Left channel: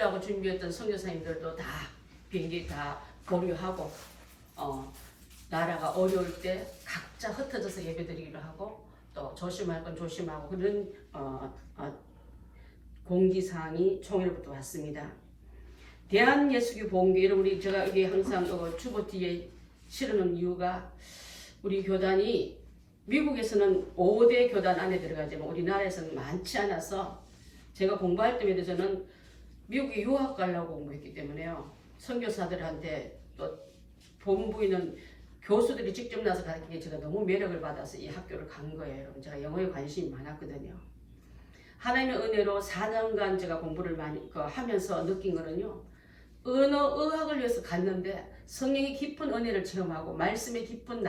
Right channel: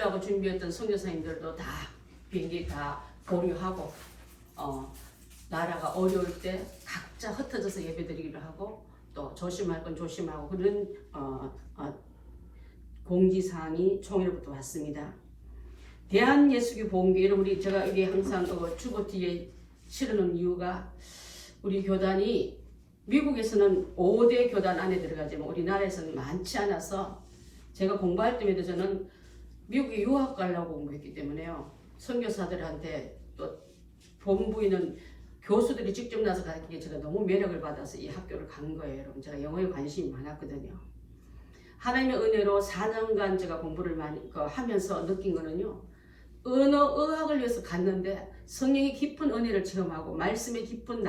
오시려고 준비했던 선교사님들도 다 비행기 다 보류하고 나라가 어려울 때 각자 흩어져서 예배드리기로 하고 또 조심할 건 조심하고 그런 공지사항이 총회로부터 왔습니다. 대한예수교 보험교회 여러분 제가 이게 항상 주보 뒤에 실어놓은 이유가 우리 교단이 미국에서는 5대 교단 안에 들어가지만 우리나라에서는 많지 않아서 제가 공부할 때마다 저는 미국에 유학 가려고 공부했기 때문에요. 선교사들한테 또 본부에 있는 교수들이 직접 나서 가르치기에 제가 너무 매력을 받아서 이 학교를 간 거예요. 여러분 제가 영어에 관심이 많았거든요. 하나님의 은혜로 4년간 제가 공부를 많이 하면서 느낀 거는요. 의학을 위해서 갔는데 성령의 깊은 은혜를 체험하고 말씀의 깊은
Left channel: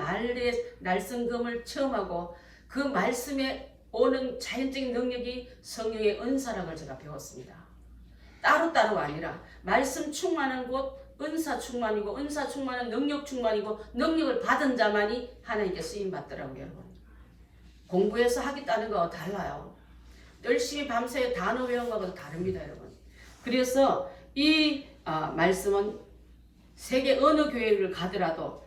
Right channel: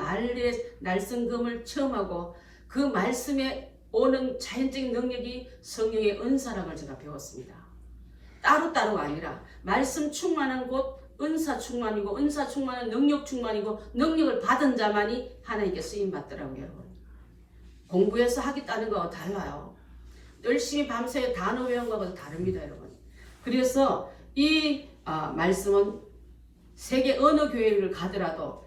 날성금을 체험하고 그 말씀에 오는 자연적인 능력이 성령의 은사라는 걸 제가 배웠습니다. 따로따로가 아니라 말씀 충만한 곳 은사 충만이고 은사 충만은 능력 충만이고 능력을 받은 자만이 하나님께 쓰임받더라고요. 여러분 공부해서 하겠다는 거와 달라요. 열심히 밤새 단어 외운 거하고 다릅니다. 여러분 그래서 이 말씀은 세계 어느 교회를 가더라도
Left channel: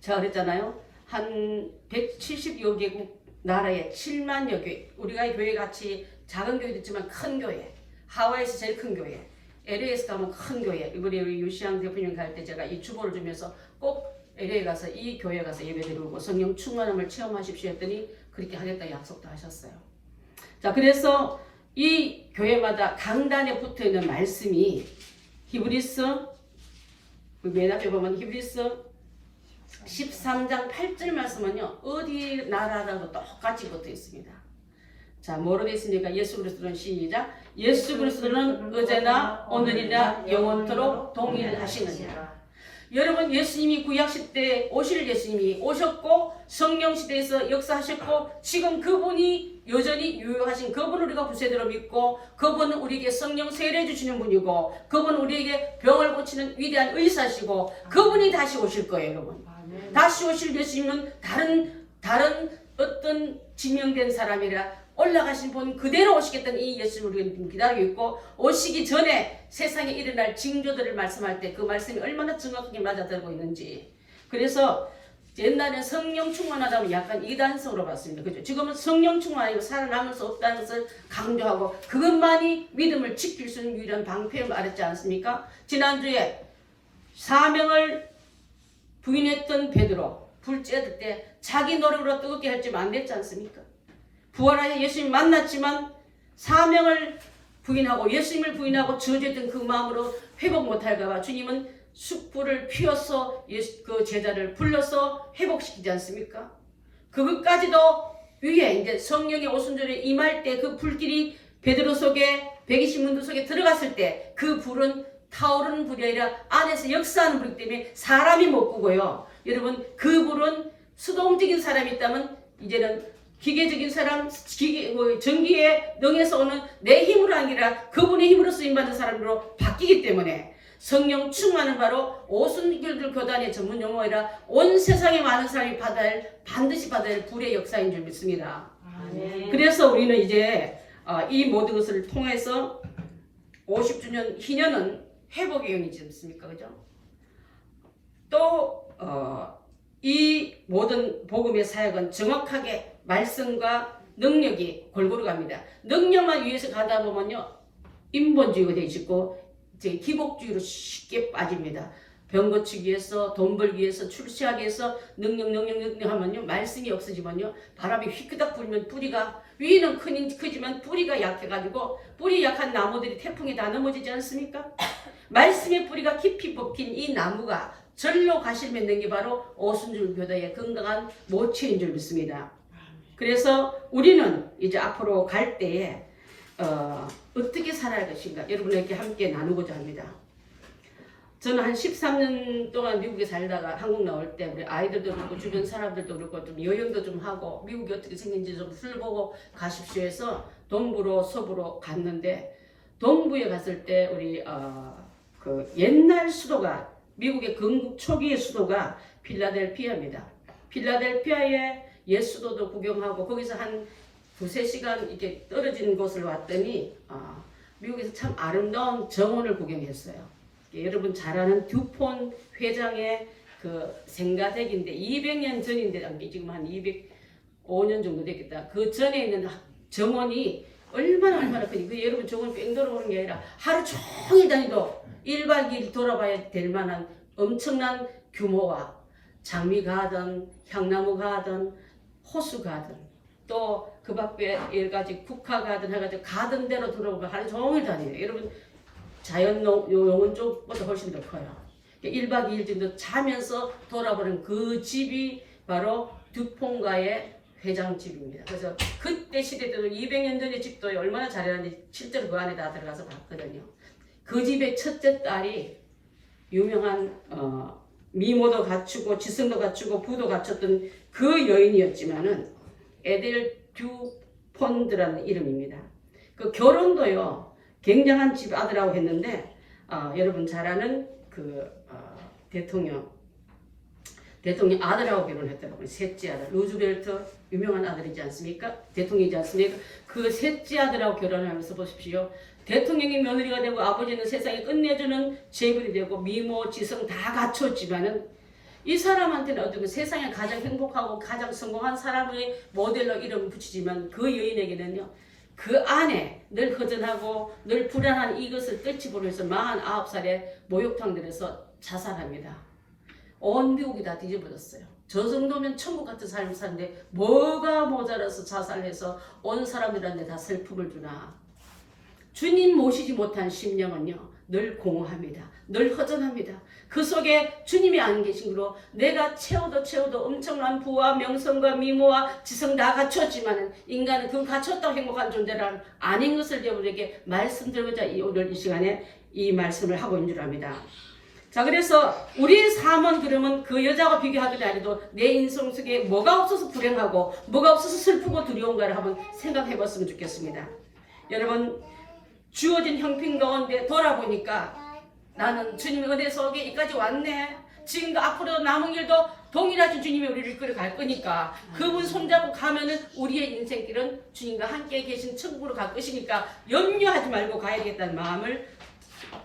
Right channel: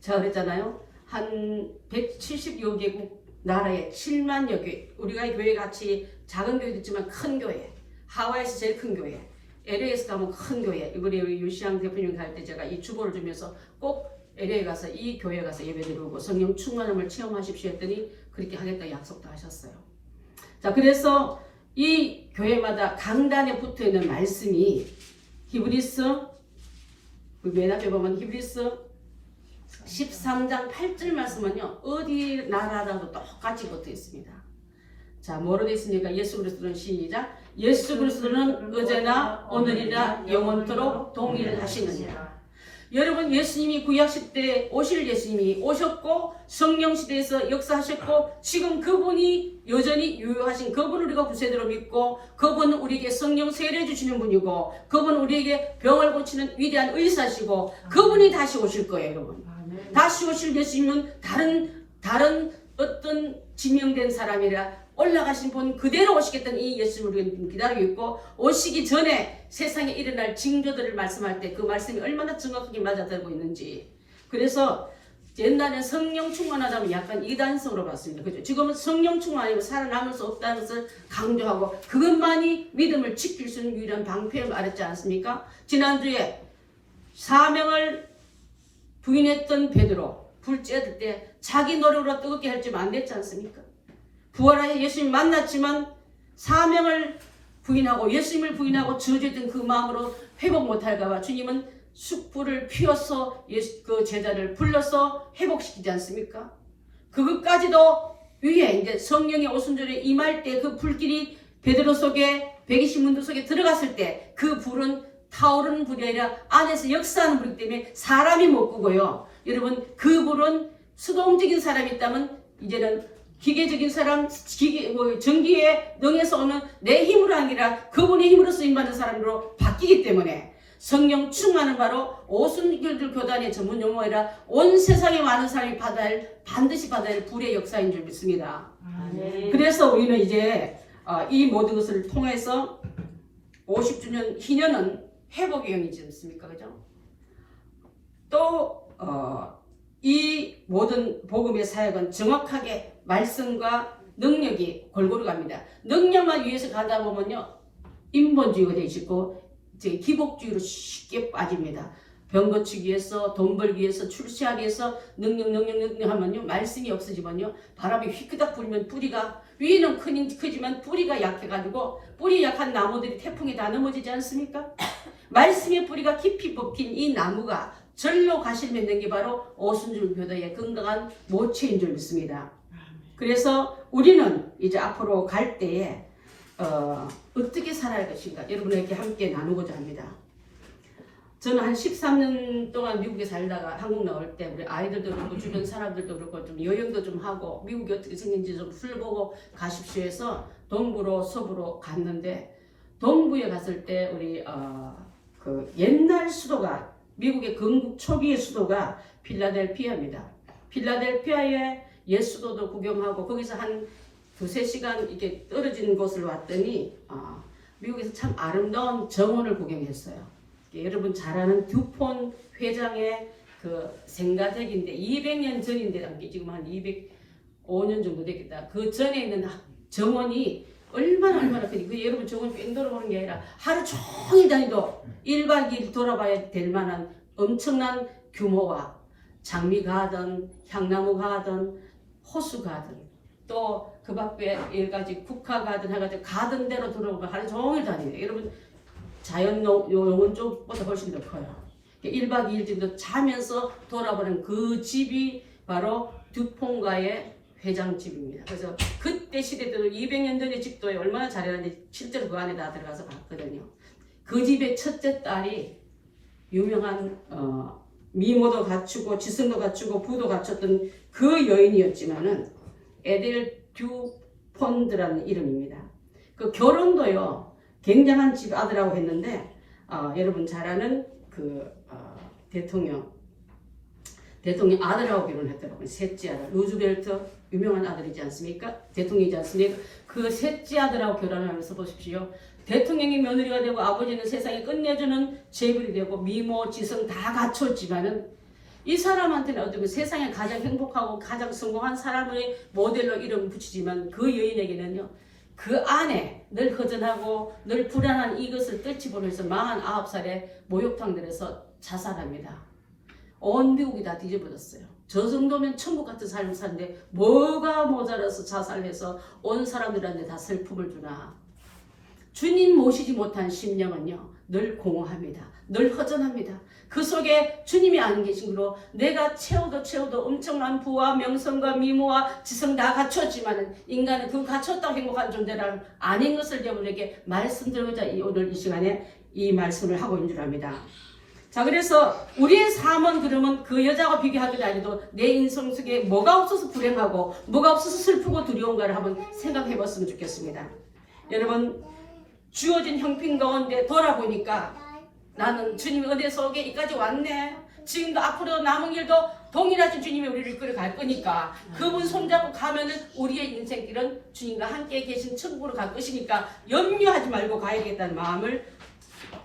제가 그랬잖아요. 한 170여 개국 나라에 7만여 교회 우리가 이 교회 같이 작은 교회도 있지만 큰 교회 하와이에서 제일 큰 교회 LA에서 가면 큰 교회 우리 유시양 대표님 갈 때 제가 이 주보를 주면서 꼭 LA 가서 이 교회 가서 예배드리고 성령 충만함을 체험하십시오 했더니 그렇게 하겠다 약속도 하셨어요. 자 그래서 이 교회마다 강단에 붙어있는 말씀이 히브리서 맨 앞에 보면 히브리서 13장 8절 말씀은요 어디 나라라도 똑같이 붙어 있습니다. 자 뭐로 되어 있습니까? 예수 그리스도는 시작 예수 그리스도는 어제나 오늘이나 영원토록 동일하시느니라. 여러분 예수님이 구약시대에 오실 예수님이 오셨고 성령시대에서 역사하셨고 지금 그분이 여전히 유효하신 그분을 우리가 구세주로 믿고 그분은 우리에게 성령 세례 주시는 분이고 그분은 우리에게 병을 고치는 위대한 의사시고 그분이 다시 오실 거예요. 여러분 다시 오실 예수님은 다른 어떤 지명된 사람이라 올라가신 분 그대로 오시겠다는 이 예수님을 우리가 기다리고 있고 오시기 전에 세상에 일어날 징조들을 말씀할 때 그 말씀이 얼마나 정확하게 맞아들고 있는지 그래서 옛날엔 성령 충만하다면 약간 이단성으로 봤습니다. 그죠? 지금은 성령 충만 아니고 살아남을 수 없다는 것을 강조하고 그것만이 믿음을 지킬 수 있는 유일한 방패를 말했지 않습니까? 지난주에 사명을 부인했던 베드로 불 쬐들 때 자기 노력으로 뜨겁게 할지만 안 됐지 않습니까? 부활하여 예수님 만났지만 사명을 부인하고 예수님을 부인하고 저주했던 그 마음으로 회복 못할까봐 주님은 숯불을 피워서 그 제자를 불러서 회복시키지 않습니까? 그것까지도 위에 이제 성령의 오순절에 임할 때 그 불길이 베드로 속에 120문도 속에 들어갔을 때 그 불은 타오르는 불이 아니라 안에서 역사하는 불이기 때문에 사람이 못 끄고요. 여러분 그 불은 수동적인 사람이 있다면 이제는 기계적인 사람, 전기에 능해서 오는 내 힘으로 아니라 그분의 힘으로 쓰임받는 사람으로 바뀌기 때문에 성령 충만은 바로 오순절들 교단의 전문 용어이라 온 세상에 많은 사람이 반드시 받아야 할 불의 역사인 줄 믿습니다. 그래서 우리는 이제 이 모든 것을 통해서 50주년 희년은 회복의 영이지 않습니까? 그죠? 또 이 모든 복음의 사역은 정확하게 말씀과 능력이 골고루 갑니다. 능력만 위해서 가다 보면요 인본주의가 되어 있고 기복주의로 쉽게 빠집니다. 병 고치기 위해서 돈 벌기 위해서 출세하기 위해서 능력 하면요 말씀이 없어지면요 바람이 휘끄덕 불면 뿌리가 위는 크지만 뿌리가 약해가지고 뿌리 약한 나무들이 태풍에 다 넘어지지 않습니까? 말씀의 뿌리가 깊이 박힌 이 나무가 절로 가실 맺는 게 바로 오순절 교회의 건강한 모체인 줄 믿습니다. 그래서 우리는 이제 앞으로 갈 때에 어떻게 살아야 할 것인가 여러분에게 함께 나누고자 합니다. 저는 한 13년 동안 미국에 살다가 한국 나올 때 우리 아이들도 그렇고 주변 사람들도 그렇고 좀 여행도 좀 하고 미국이 어떻게 생긴지 좀 훑어보고 가십시오 해서 동부로 서부로 갔는데 동부에 갔을 때 우리 그 옛날 수도가 미국의 건국 초기의 수도가 필라델피아입니다. 필라델피아의 옛 수도도 구경하고 거기서 한 두세 시간 이렇게 떨어진 곳을 왔더니 미국에서 참 아름다운 정원을 구경했어요. 여러분 잘 아는 듀폰 회장의 그 생가댁인데 200년 전인데 지금 한 205년 정도 됐겠다. 그 전에 있는 정원이 얼마나 크니 그 여러분 저건 뺑 돌아보는 게 아니라 하루 종일 다니도 1박 2일 돌아봐야 될 만한 엄청난 규모와 장미 가든 향나무 가든 호수 가든 또 그 밖에 여러 가지 국화 가든 해가지고 가든대로 돌아보면 하루 종일 다니네. 여러분 자연 농원 쪽보다 훨씬 더 커요. 1박 2일 정도 자면서 돌아보는 그 집이 바로 듀폰가의 회장집입니다. 그래서 그때 시대 때도 200년 전의 집도 얼마나 잘해놨는데 실제로 그 안에 다 들어가서 봤거든요. 그 집의 첫째 딸이 유명한 미모도 갖추고 지성도 갖추고 부도 갖췄던 그 여인이었지만은 에델 듀폰드라는 이름입니다. 그 결혼도요 굉장한 집 아들하고 했는데 여러분 잘 아는 그 대통령 아들하고 결혼했더라고요. 셋째 아들 루즈벨트 유명한 아들이지 않습니까? 대통령이지 않습니까? 그 셋째 아들하고 결혼하면서 보십시오. 대통령이 며느리가 되고 아버지는 세상에 끝내주는 제불이 되고 미모 지성 다 갖췄지만은 이 사람한테는 어쩌면 세상에 가장 행복하고 가장 성공한 사람의 모델로 이름 붙이지만 그 여인에게는요 그 안에 늘 허전하고 늘 불안한 이것을 떨치보면서 49살에 목욕탕들에서 자살합니다. 온 미국이 다 뒤집어졌어요. 저 정도면 천국 같은 삶을 사는데 뭐가 모자라서 자살해서 온 사람들한테 다 슬픔을 주나. 주님 모시지 못한 심령은요 늘 공허합니다. 늘 허전합니다. 그 속에 주님이 안 계신 거로 내가 채워도 엄청난 부와 명성과 미모와 지성 다 갖췄지만은 인간은 그 갖췄다고 행복한 존재라는 아닌 것을 여러분에게 말씀드리고자 오늘 이 시간에 이 말씀을 하고 있는 줄 압니다. 자, 그래서 우리의 삶은 그러면 그 여자와 비교하더니 아니도 내 인생 속에 뭐가 없어서 불행하고 뭐가 없어서 슬프고 두려운가를 한번 생각해 봤으면 좋겠습니다. 여러분 주어진 형편 가운데 돌아보니까 나는 주님의 은혜 속에 이까지 왔네. 지금도 앞으로 남은 길도 동일하신 주님이 우리를 이끌어갈 거니까 그분 손잡고 가면은 우리의 인생길은 주님과 함께 계신 천국으로 갈 것이니까 염려하지 말고 가야겠다는 마음을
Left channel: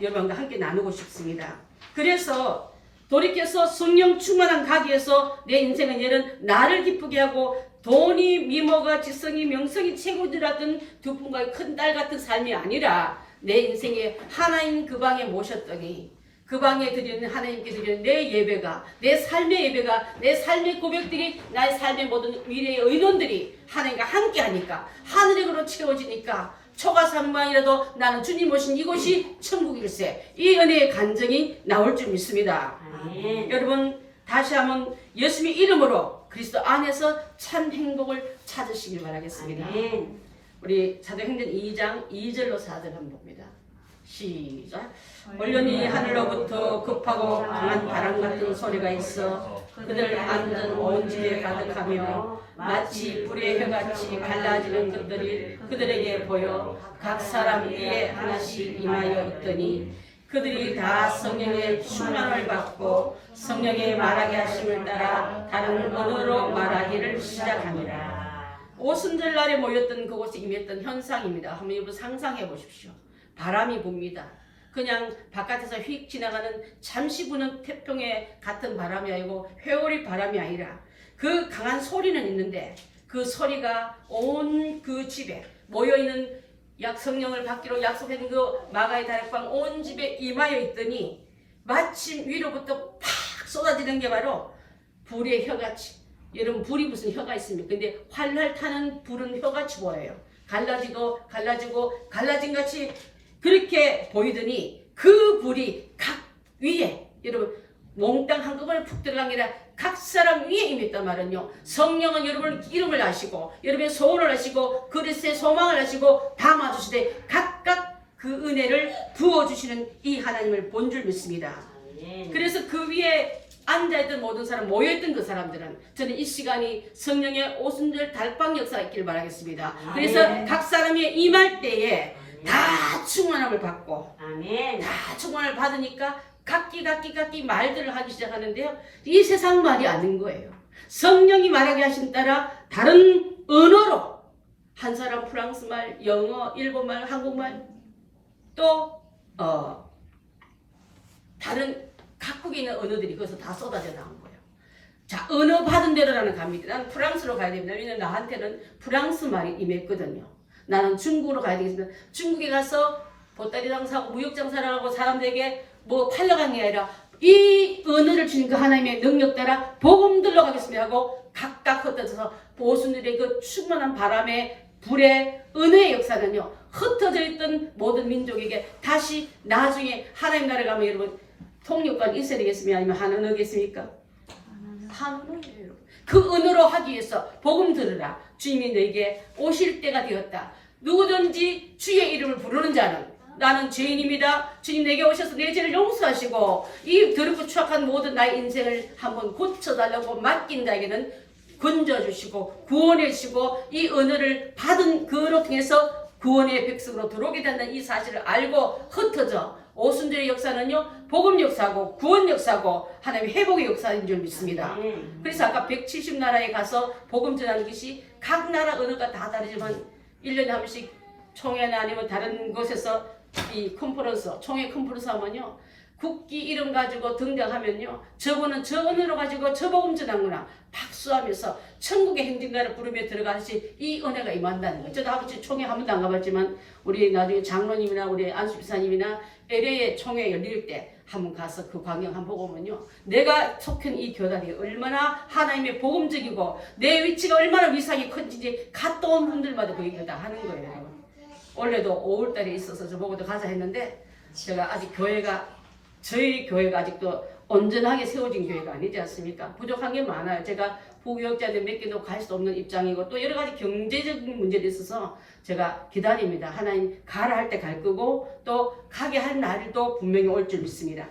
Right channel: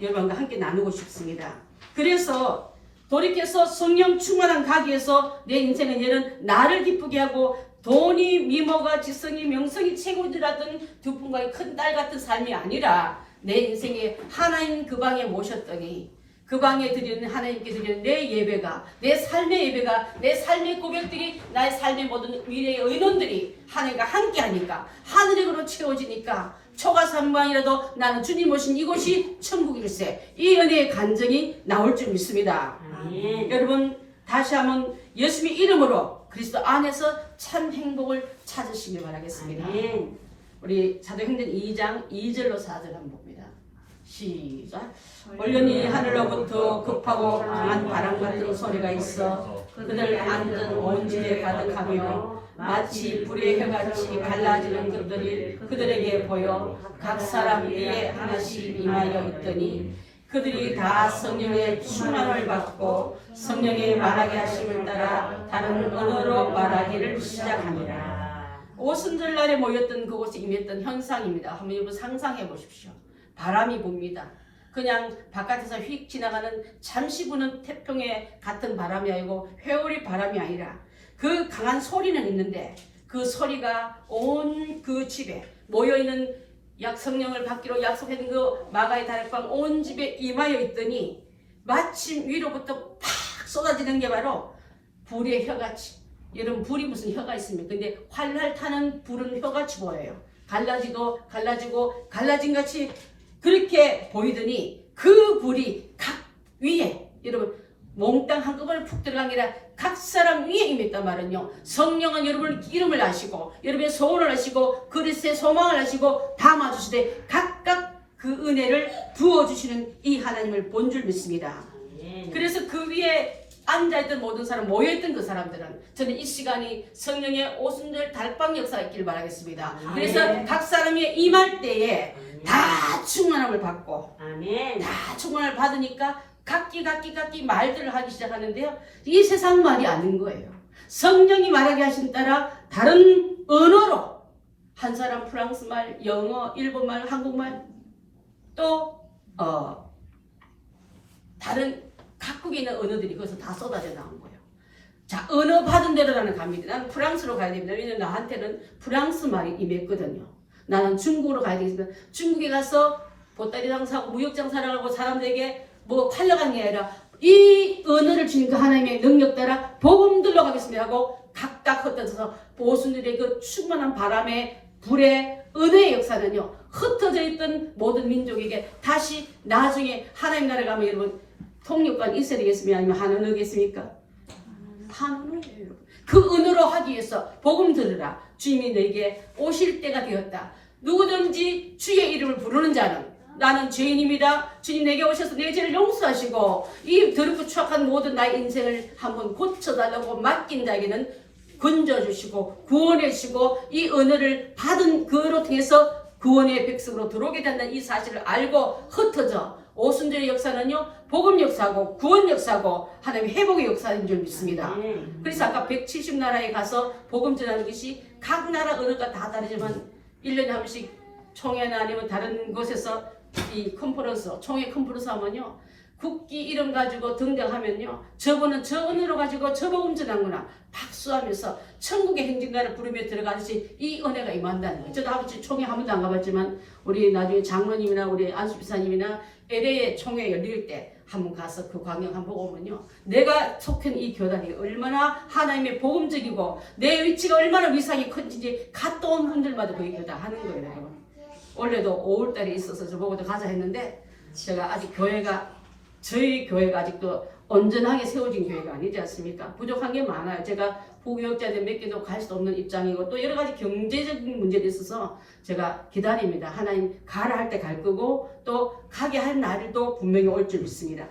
여러분과 함께 나누고 싶습니다. 그래서 돌이켜서 성령 충만한 가기에서 내 인생은 얘는 나를 기쁘게 하고 돈이 미모가 지성이 명성이 최고들었던 듀폰가의 큰 딸 같은 삶이 아니라 내 인생에 하나님 그 방에 모셨더니 그 방에 드리는 하나님께 드리는 내 예배가 내 삶의 예배가 내 삶의 고백들이 나의 삶의 모든 미래의 의논들이 하나님과 함께 하니까 하늘으로 채워지니까 초가삼만이라도 나는 주님 오신 이곳이 천국일세 이 은혜의 간증이 나올 줄 믿습니다. 여러분 다시 한번 예수님의 이름으로 그리스도 안에서 참 행복을 찾으시길 바라겠습니다. 우리 사도행전 2장 2절로 4절 한번 봅니다. 시작. 얼른이 하늘로부터 급하고 강한 바람 같은 소리가 있어 그들 앉은 온 집에 가득하며 마치 불의 혀같이 갈라지는 것들이 그들에게 보여 각 사람 위에 하나씩 임하여 얻더니 그들이 다 성령의 충만을 받고 성령의 말하게 하심을 따라 다른 언어로 말하기를 시작하니라. 오순절날에 모였던 그곳에 임했던 현상입니다. 한번 여러분 상상해 보십시오. 바람이 붑니다. 그냥 바깥에서 휙 지나가는 잠시 부는 태풍의 같은 바람이 아니고 회오리 바람이 아니라 그 강한 소리는 있는데 그 소리가 온 그 집에 모여있는 성령을 받기로 약속한 그 마가의 다락방 온 집에 임하여 있더니 마침 위로부터 팍 쏟아지는 게 바로 불의 혀같이. 여러분 불이 무슨 혀가 있습니까? 근데 활활 타는 불은 혀같이 보여요. 갈라지고 갈라진 같이 그렇게 보이더니 그 불이 각 위에 여러분 몽땅 한꺼번에 푹 들어간 게 아니라 각 사람 위에 임했단 말은요. 성령은 여러분 이름을 아시고 여러분의 소원을 아시고 그리스도의 소망을 아시고 담아주시되 각각 그 은혜를 부어주시는 이 하나님을 본 줄 믿습니다. 그래서 그 위에 앉아있던 모든 사람, 모여있던 그 사람들은 저는 이 시간이 성령의 오순절 달방 역사가 있기를 바라겠습니다. 그래서 각 사람이 임할 때에 다 충만함을 받고 다 충만을 받으니까 각기 말들을 하기 시작하는데요. 이 세상 말이 아닌 거예요. 성령이 말하게 하신 따라 다른 언어로 한 사람 프랑스 말, 영어, 일본말, 한국말 또 다른 각국에 있는 언어들이 거기서 다 쏟아져 나온 거예요. 자, 언어 받은 대로 나는 갑니다. 나는 프랑스로 가야 됩니다. 왜냐면 나한테는 프랑스 말이 임했거든요. 나는 중국으로 가야 되겠습니다. 중국에 가서 보따리 장사하고 무역 장사를 하고 사람들에게 뭐 팔러간 게 아니라 이 언어를 주신 그 하나님의 능력 따라 복음들로 가겠습니다 하고 각각 흩어져서 보수들의 그 충만한 바람에 불의 은혜의 역사는요, 흩어져 있던 모든 민족에게 다시 나중에 하나님 나라에 가면 여러분 통역관 있어야 되겠습니까? 아니면 한 언어겠습니까? 한 언어예요, 여러분. 그 언어로 하기 위해서 복음 들으라. 주님이 너에게 오실 때가 되었다. 누구든지 주의 이름을 부르는 자는 나는 죄인입니다. 주님 내게 오셔서 내 죄를 용서하시고 이 더럽고 추악한 모든 나의 인생을 한번 고쳐달라고 맡긴 자에게는 건져주시고 구원해주시고 이 언어를 받은 그로 통해서 구원의 백성으로 들어오게 된다는 이 사실을 알고 흩어져 오순절의 역사는요, 복음 역사고 구원 역사고 하나님의 회복의 역사인 줄 믿습니다. 그래서 아까 170나라에 가서 복음 전하는 것이 각 나라 언어가 다 다르지만 1년에 한 번씩 총회나 아니면 다른 곳에서 이 컨퍼런스, 총회 컨퍼런스 하면요, 국기 이름 가지고 등장하면요, 저거는 저 언어로 가지고 저 복음 전하구나 박수하면서 천국의 행진가를 부르며 들어가듯이 이 은혜가 임한다는 거예요. 저도 아버지 총회 한 번도 안 가봤지만 우리 나중에 장로님이나 우리 안수비사님이나 LA의 총회 열릴 때 한번 가서 그 광경 한번 보고 오면요, 내가 속한 이 교단이 얼마나 하나님의 복음적이고 내 위치가 얼마나 위상이 큰지 갔다 온 분들마다 그 얘기를 다 하는 거예요, 여러분. 원래도 5월달에 있어서 저보고도 가자 했는데 제가 아직 저희 교회가 아직도 온전하게 세워진 교회가 아니지 않습니까? 부족한 게 많아요. 제가 부교육자들 몇 개도 갈 수 없는 입장이고 또 여러 가지 경제적인 문제도 있어서 제가 기다립니다. 하나님 가라 할 때 갈 거고 또 가게 할 날도 분명히 올 줄 믿습니다.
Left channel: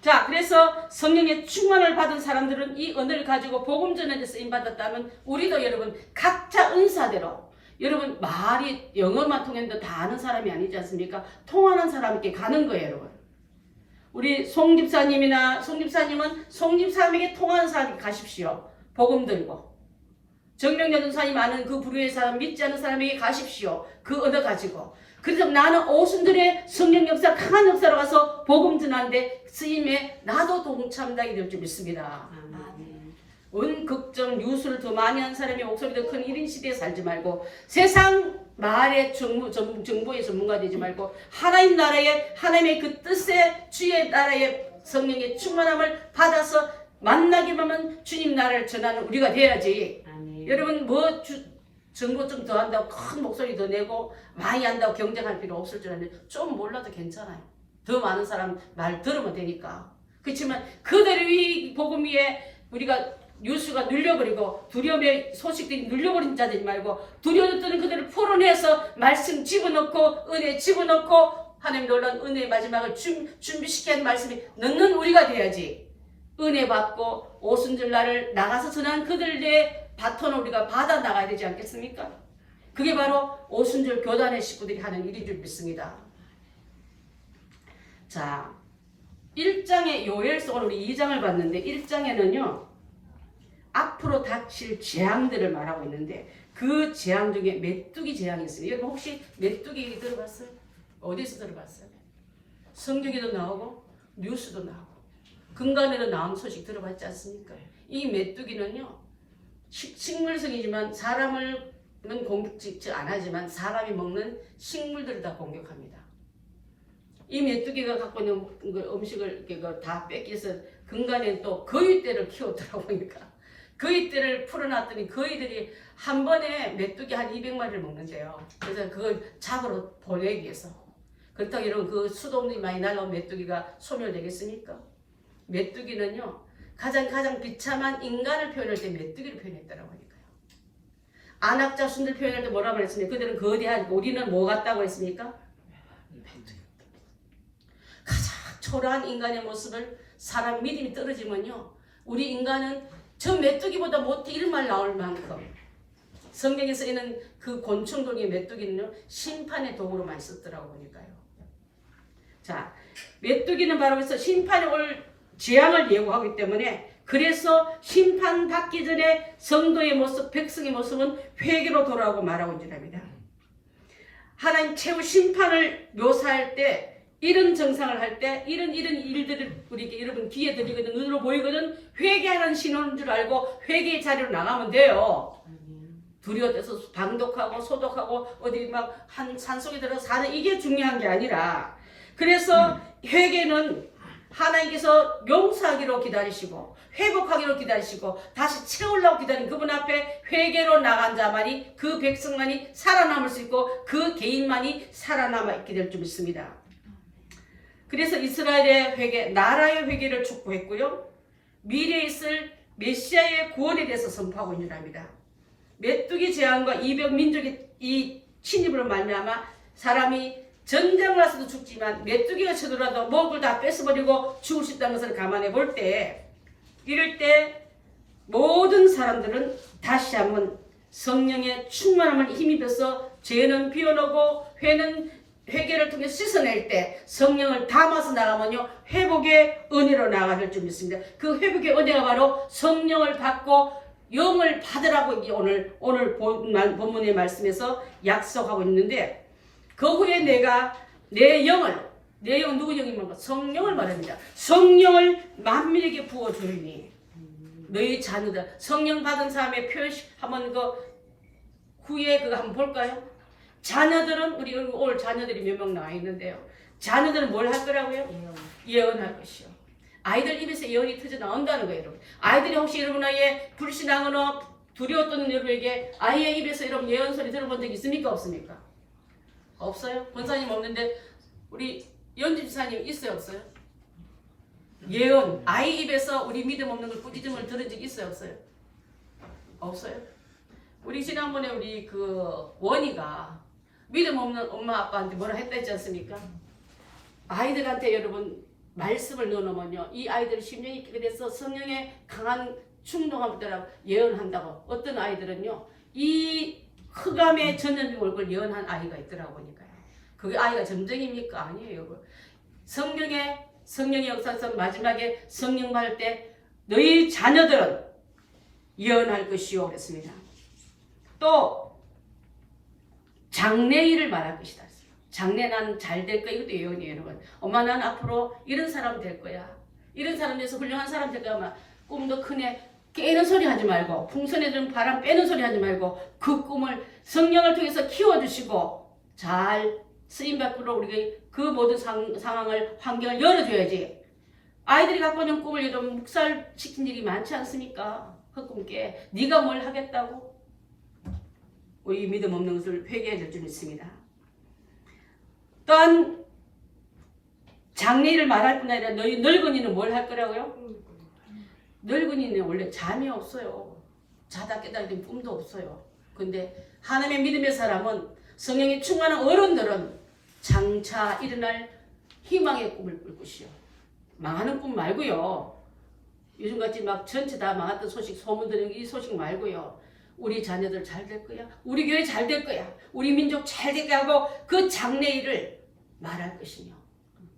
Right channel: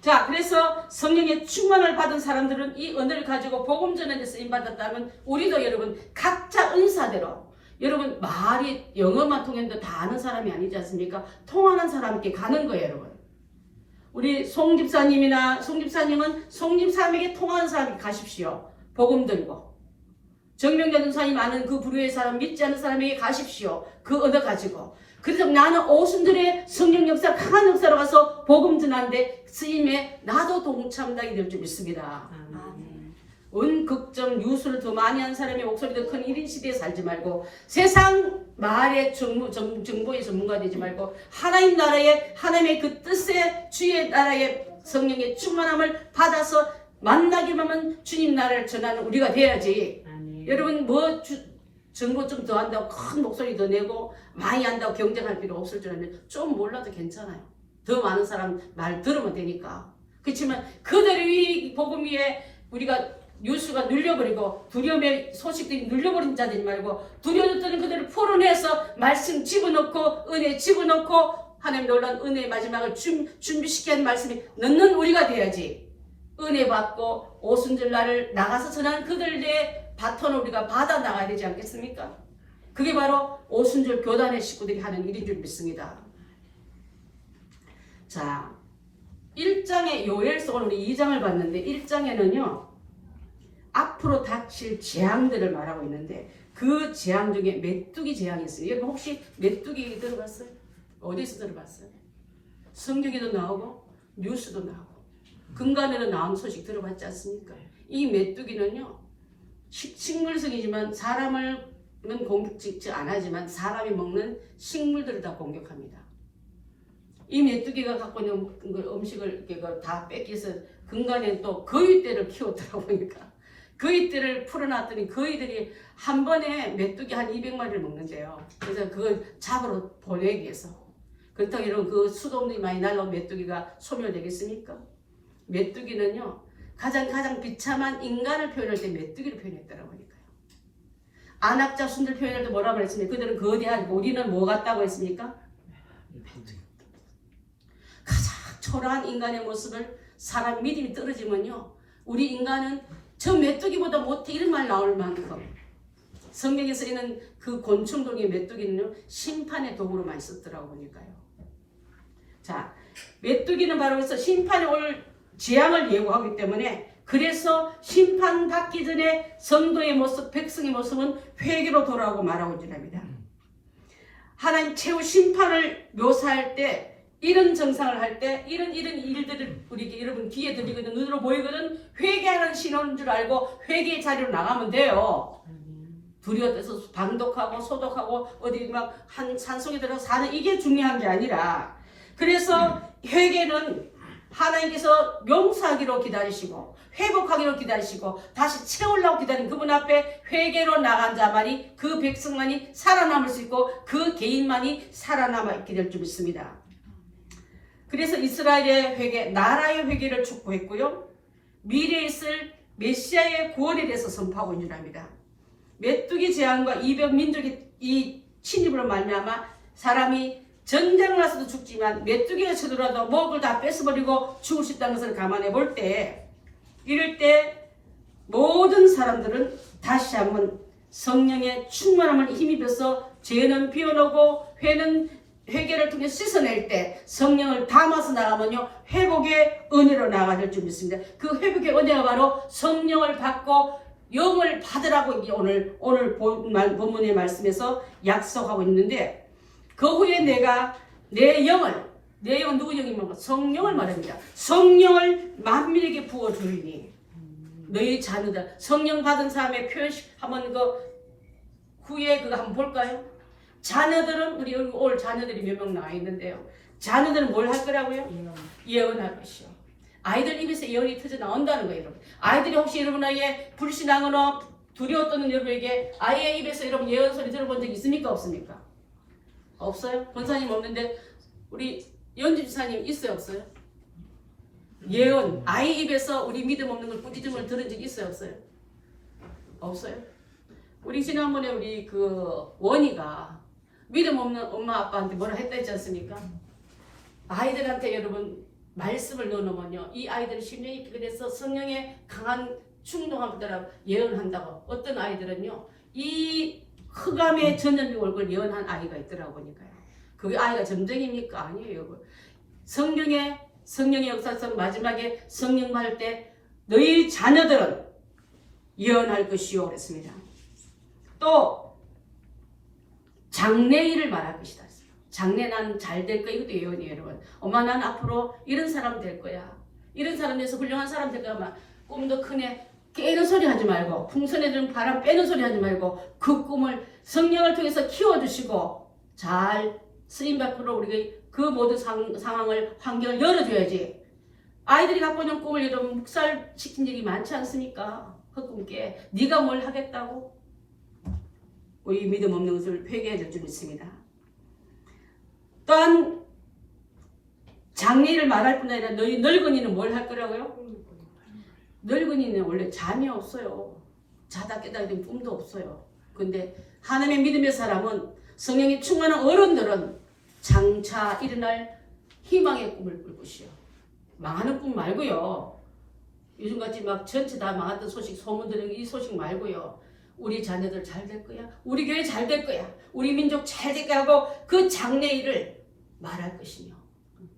자, 그래서 성령의 충만을 받은 사람들은 이 언어를 가지고 복음 전하는 데 쓰임받았다면 우리도 여러분 각자 은사대로 여러분 말이 영어만 통했는데 다 아는 사람이 아니지 않습니까? 통하는 사람께 가는 거예요, 여러분. 우리 송집사님은 송집사님에게 통하는 사람에게 가십시오. 복음 들고. 정명자 전사님 아는 그 부류의 사람, 믿지 않는 사람에게 가십시오. 그 언어 가지고. 그래서 나는 오순절에 성령 역사, 강한 역사로 가서 복음 전하는데 쓰임에 나도 동참하게 될 줄 믿습니다. 은극적 뉴스를 더 많이 하는 사람의 목소리 더 큰 1인 시대에 살지 말고 세상 말의 정보의 전문가 되지 말고 하나님 나라의 하나님의 그 뜻의 주의 나라의 성령의 충만함을 받아서 만나기만 하면 주님 나라를 전하는 우리가 돼야지. 여러분 뭐 정보 좀 더 한다고 큰 목소리 더 내고 많이 한다고 경쟁할 필요 없을 줄 알았는데 좀 몰라도 괜찮아요. 더 많은 사람 말 들으면 되니까. 그렇지만 그들의 이 복음 위에 우리가 뉴스가 눌려버리고 두려움의 소식들이 눌려버린 자들이 말고 두려웠던 그들을 풀어내서 말씀 집어넣고 은혜 집어넣고 하나님 놀라운 은혜의 마지막을 준비시키는 말씀이 넣는 우리가 돼야지. 은혜 받고 오순절 날을 나가서 전한 그들의 바톤을 우리가 받아 나가야 되지 않겠습니까? 그게 바로 오순절 교단의 식구들이 하는 일인 줄 믿습니다. 자, 1장의 요엘서는 우리 2장을 봤는데 1장에는요 앞으로 닥칠 재앙들을 말하고 있는데 그 재앙 중에 메뚜기 재앙이 있어요. 여러분 혹시 메뚜기 들어봤어요? 어디서 들어봤어요? 성경에도 나오고 뉴스도 나오고 근간에도 나온 소식 들어봤지 않습니까? 이 메뚜기는요 식물성이지만 사람은 공격지 안 하지만 사람이 먹는 식물들을 다 공격합니다. 이 메뚜기가 갖고 있는 음식을 다 뺏겨서 근간에 또 거위떼를 키웠더라고 보니까 거위떼를 풀어놨더니 거위들이 한 번에 메뚜기 한 200마리를 먹는데요. 그래서 그걸 잡으러 보내기 위해서. 그렇다고 이런 그 수돗물이 많이 날라온 메뚜기가 소멸되겠습니까? 메뚜기는요 가장 비참한 인간을 표현할 때 메뚜기를 표현했더라고 하니까요. 안악자순들 표현할 때 뭐라고 했습니까? 그들은 거대한, 우리는 뭐 같다고 했습니까? 가장 초라한 인간의 모습을 사람 믿음이 떨어지면요 우리 인간은 저 메뚜기보다 못해 이런 말 나올 만큼 성경에 쓰이는 그 곤충종의 메뚜기는요 심판의 도구로 많이 썼더라고 보니까요. 자, 메뚜기는 바로 그래서 심판이 올 재앙을 예고하기 때문에 그래서 심판받기 전에 성도의 모습, 백성의 모습은 회개로 돌아오고 말하고 있답니다. 하나님 최후 심판을 묘사할 때, 이런 정상을 할 때 이런 일들을 우리 여러분 귀에 들리거든, 눈으로 보이거든, 회개하는 신호인 줄 알고 회개의 자리로 나가면 돼요. 두려워서 방독하고 소독하고 어디 막 한 산속에 들어서 사는 이게 중요한 게 아니라, 그래서 회개는 하나님께서 용서하기로 기다리시고 회복하기로 기다리시고 다시 채우려고 기다린 그분 앞에 회개로 나간 자만이, 그 백성만이 살아남을 수 있고 그 개인만이 살아남아 있게 될 줄 믿습니다. 그래서 이스라엘의 회개, 나라의 회개를 촉구했고요, 미래에 있을 메시아의 구원에 대해서 선포하고 있는 합니다. 메뚜기 재앙과 이병 민족의 이 침입으로 말미암아 사람이 전쟁을 나서도 죽지만 메뚜기가 쳐들어도 먹을 다 뺏어버리고 죽을 수 있다는 것을 감안해 볼 때, 이럴 때 모든 사람들은 다시 한번 성령의 충만함을 힘입어서 죄는 비워놓고 회개를 통해 씻어낼 때 성령을 담아서 나가면요, 회복의 은혜로 나가야 될 줄 믿습니다. 그 회복의 은혜가 바로 성령을 받고 영을 받으라고 오늘 본문의 말씀에서 약속하고 있는데, 그 후에 내가 내 영은 누구 영입니까? 성령을 말합니다. 성령을 만민에게 부어주리니 너희 자녀들, 성령 받은 사람의 표현식 한번 후에 그거 한번 볼까요? 자녀들은, 우리 오늘 자녀들이 몇 명 나와 있는데요, 자녀들은 뭘 할 거라고요? 예언할 것이요. 아이들 입에서 예언이 터져 나온다는 거예요, 여러분. 아이들이 혹시 여러분 아이의 불신앙으로 두려워 떠는 여러분에게 아이의 입에서 여러분 예언 소리 들어본 적 있습니까? 없습니까? 없어요? 권사님 없는데 우리 연집사님 있어요? 없어요? 예언, 아이 입에서 우리 믿음 없는 걸 꾸짖음을 들은 적 있어요? 없어요? 없어요? 우리 지난번에 우리 그 원희가 믿음 없는 엄마 아빠한테 뭐라 했다 했지 않습니까? 아이들한테 여러분 말씀을 넣어놓으면요, 이 아이들은 심령이 깊게 돼서 성령의 강한 충동함 따라 예언한다고. 어떤 아이들은요, 이 흑암의 전염병 얼굴 예언한 아이가 있더라고 보니까요. 그게 아이가 점쟁입니까? 아니에요, 여러분. 성령의 역사상 마지막에 성령 받을 때 너희 자녀들은 예언할 것이요 그랬습니다. 또 장래일을 말할 것이다. 장래 나는 잘 될 거야. 이것도 예언이에요, 여러분. 엄마 난 앞으로 이런 사람 될 거야. 이런 사람 돼서 훌륭한 사람 될 거야. 막 꿈도 크네. 깨는 소리 하지 말고, 풍선에 든 바람 빼는 소리 하지 말고, 그 꿈을 성령을 통해서 키워주시고 잘 쓰임받도록 우리가 그 모든 상황을, 환경을 열어줘야지. 아이들이 갖고 있는 꿈을 좀 묵살시킨 적이 많지 않습니까? 그 꿈 깨. 네가 뭘 하겠다고? 우리 믿음 없는 것을 회개해야 될 줄 믿습니다. 또한 장래를 말할 뿐 아니라 너희 늙은이는 뭘 할 거라고요? 늙은이는 원래 잠이 없어요. 자다 깨달을 땐 꿈도 없어요. 근데 하나님의 믿음의 사람은, 성령이 충만한 어른들은 장차 일어날 희망의 꿈을 꿀 것이요. 망하는 꿈 말고요. 요즘같이 막 전체 다 망했던 소식, 소문 들은 이 소식 말고요. 우리 자녀들 잘 될 거야. 우리 교회 잘 될 거야. 우리 민족 잘 될 거야 하고 그 장래일을 말할 것이며,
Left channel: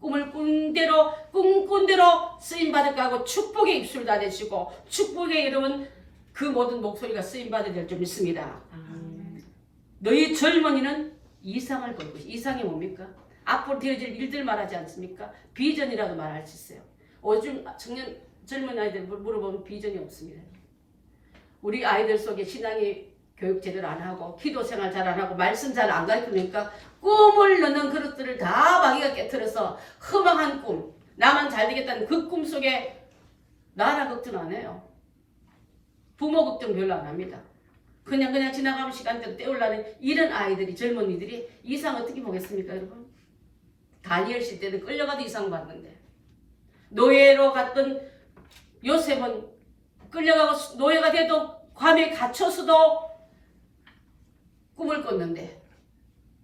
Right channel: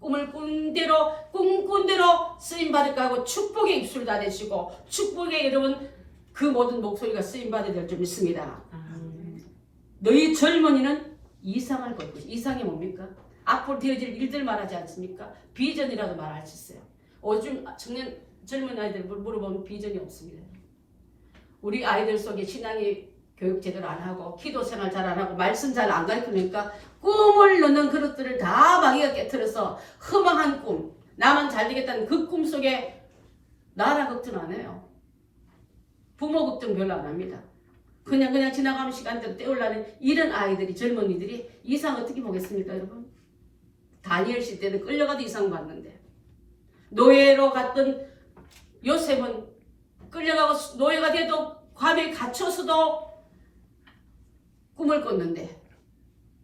꿈을 꾼 대로 쓰임받을까 하고 축복의 입술을 다 대시고 축복의 여러분 그 모든 목소리가 쓰임받아야 될 줄 믿습니다. 너희 젊은이는 이상을 볼 것이. 이상이 뭡니까? 앞으로 되어질 일들 말하지 않습니까? 비전이라도 말할 수 있어요. 요즘 젊은 아이들 물어보면 비전이 없습니다. 우리 아이들 속에 신앙이 교육 제대로 안 하고 기도 생활 잘 안 하고 말씀 잘 안 가르치니까 꿈을 넣는 그릇들을 다 마귀가 깨트려서 허망한 꿈, 나만 잘 되겠다는 그 꿈 속에 나라 걱정 안 해요. 부모 걱정 별로 안 합니다. 그냥 지나가는 시간대로 때우려는 이런 아이들이, 젊은이들이 이상 어떻게 보겠습니까, 여러분? 다니엘 시대는 끌려가도 이상 봤는데, 노예로 갔던 요셉은 끌려가고 노예가 돼도 괌에 갇혀서도 꿈을 꿨는데,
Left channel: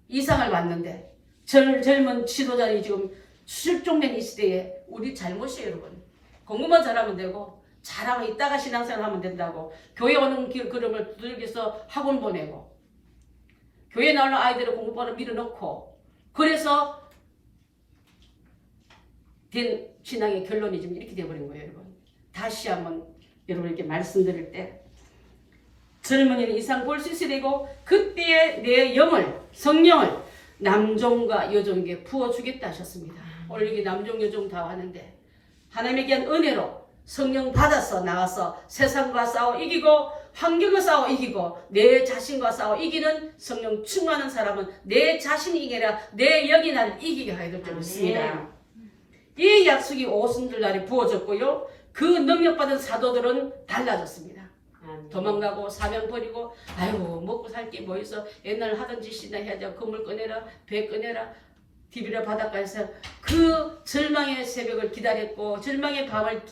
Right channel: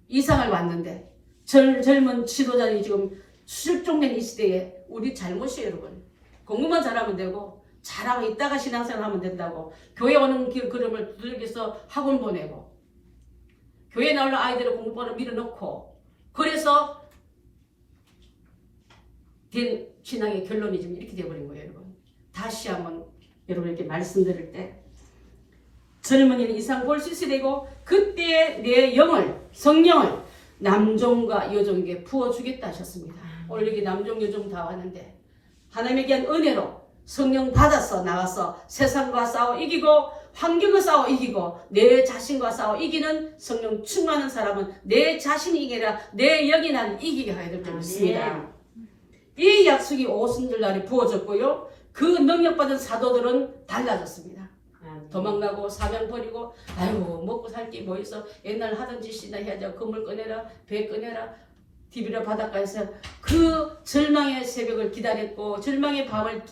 이상을 봤는데, 젊은 지도자들이 지금 실종된 이 시대에 우리 잘못이에요, 여러분. 공부만 잘하면 되고, 잘하고 있다가 신앙생활 하면 된다고. 교회 오는 그름을 두들겨서 학원 보내고, 교회 나오는 아이들을 공부번호 밀어넣고, 그래서 된 신앙의 결론이 지금 이렇게 돼버린 거예요, 여러분. 다시 한번 여러분에게 말씀드릴 때, 젊은이는 이상 볼 수 있어야 되고, 그때의 내 영을, 성령을 남종과 여종에게 부어주겠다 하셨습니다. 오늘 여기 남종 여종 다 왔는데 하나님에게 한 은혜로 성령 받아서 나가서 세상과 싸워 이기고 환경과 싸워 이기고 내 자신과 싸워 이기는 성령 충만한 사람은 내 자신이 이기라 내 영이 나를 이기게 하여 될 줄 믿습니다. 이 약속이 오순절 날에 부어졌고요. 그 능력받은 사도들은 달라졌습니다. 도망가고 사명 버리고 아이고 먹고 살 게 뭐 있어 옛날 하던 짓이나 해야지 그물 꺼내라 배 꺼내라 디비라 바닷가에서 그 절망의 새벽을 기다렸고 절망의 밤을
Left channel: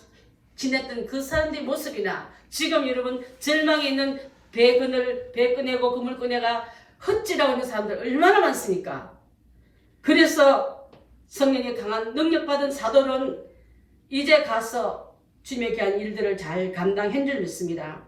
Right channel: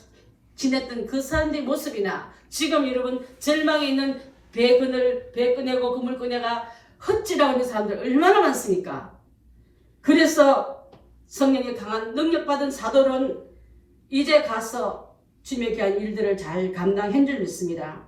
지냈던 그 사람들의 모습이나 지금 여러분 절망에 있는 배 꺼내고 그물 꺼내가 헛지라고 있는 사람들 얼마나 많습니까? 그래서 성령의 강한 능력받은 사도는 이제 가서 주님의 귀한 일들을 잘 감당한 줄 믿습니다.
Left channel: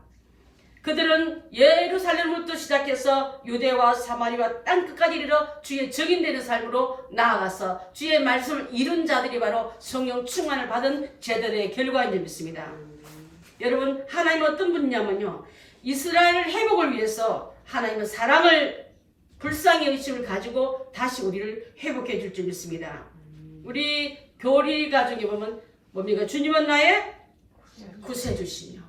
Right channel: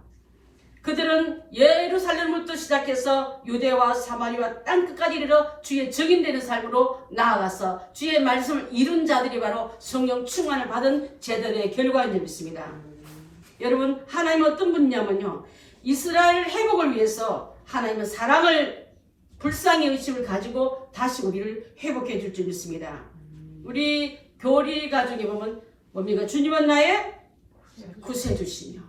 그들은 예루살렘부터 시작해서 유대와 사마리아 땅끝까지 이르러 주의 증인되는 삶으로 나아가서 주의 말씀을 이룬 자들이 바로 성령 충만을 받은 제들의 결과인 줄 믿습니다. 여러분 하나님은 어떤 분이냐면요. 이스라엘 회복을 위해서 하나님은 사랑을 불쌍히 의심을 가지고 다시 우리를 회복해 줄 줄 믿습니다. 우리 교리 가족에 보면 뭡니까? 주님은 나의 구세주시며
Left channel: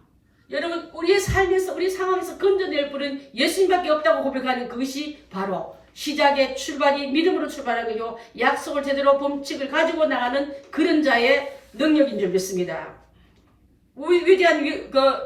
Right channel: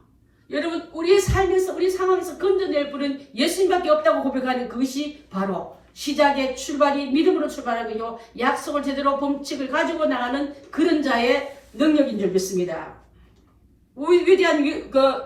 여러분 우리의 삶에서 우리 상황에서 건져낼 분은 예수님밖에 없다고 고백하는 그것이 바로 시작의 출발이 믿음으로 출발하는 거요 약속을 제대로 범칙을 가지고 나가는 그런 자의 능력인 줄 믿습니다. 위대한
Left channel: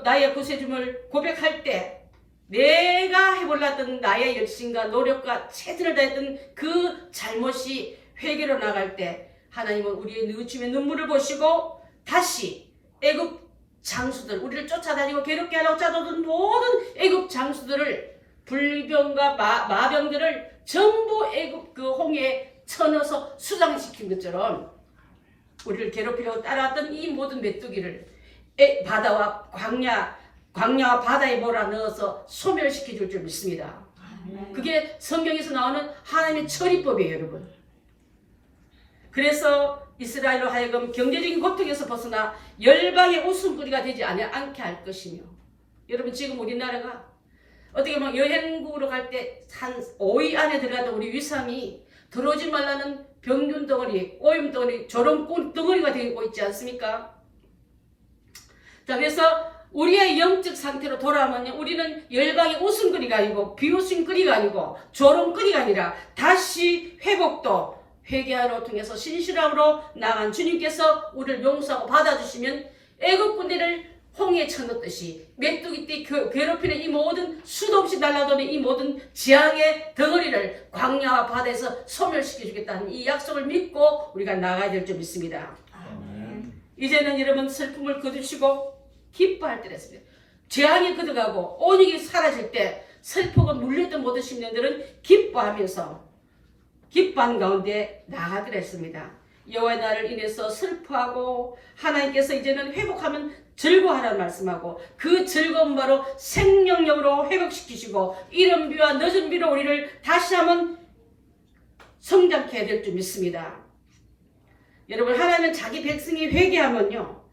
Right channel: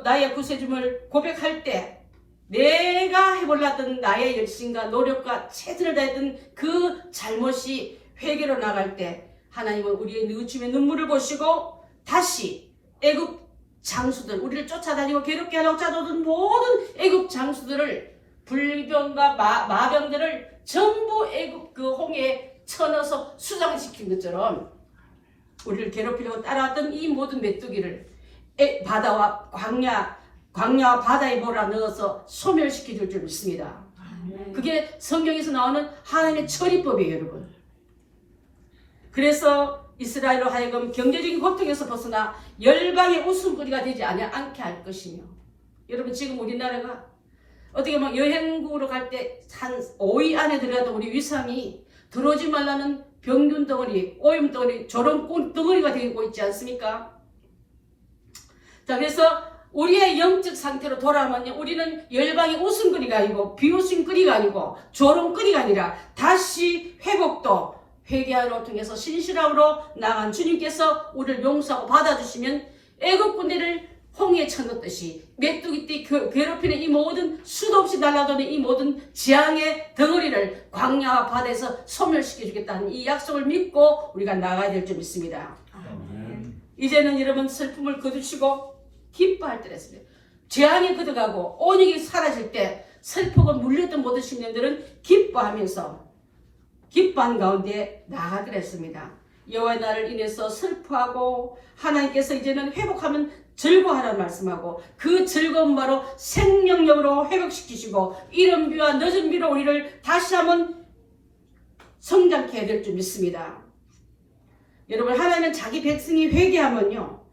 나의 구세주를 고백할 때 내가 해볼랐던 나의 열심과 노력과 최선을 다했던 그 잘못이 회개로 나갈 때 하나님은 우리의 주의 눈물을 보시고 다시 애굽 장수들 우리를 쫓아다니고 괴롭게 하려고 짜도던 모든 애굽 장수들을 불병과 마병들을 전부 애굽 그 홍해에 쳐넣어서 수장시킨 것처럼 우리를 괴롭히려고 따라왔던 이 모든 메뚜기를 바다와 광야와 바다에 몰아넣어서 소멸시켜 줄 줄 믿습니다. 그게 성경에서 나오는 하나님의 처리법이에요, 여러분. 그래서 이스라엘로 하여금 경제적인 고통에서 벗어나 열방의 웃음거리가 되지 않게 할 것이며 여러분 지금 우리나라가 어떻게 보면 여행국으로 갈 때 한 5위 안에 들어갔던 우리 위상이 들어오지 말라는 병균 덩어리, 오염 덩어리, 조롱 덩어리가 되고 있지 않습니까? 자 그래서 우리의 영적 상태로 돌아오면 우리는 열방의 웃음거리가 아니고 비웃음거리가 아니고 조롱거리가 아니라 다시 회복도 회개하로 통해서 신실함으로 나간 주님께서 우리를 용서하고 받아주시면 애국 군대를 홍해에 쳐넣듯이 메뚜기 띠 괴롭히는 이 모든 수도 없이 날아도는 이 모든 재앙의 덩어리를 광야와 바다에서 소멸시켜주겠다는 이 약속을 믿고 우리가 나가야 될 줄 믿습니다. 이제는 여러분 슬픔을 거두시고 기뻐할 때랬습니다. 재앙이 걷어가고 온역이 사라질 때 슬프고 물렸던 모든 심령들은 기뻐하면서 기뻐한 가운데 나가기로 했습니다. 여호와의 날을 인해서 슬퍼하고 하나님께서 이제는 회복하면 즐거워하라는 말씀하고 그 즐거운 바로 생명력으로 회복시키시고 이른 비와 늦은 비로 우리를 다시 한번 성장케 해야 될 줄 믿습니다. 여러분 하나님은 자기 백성이 회개하면요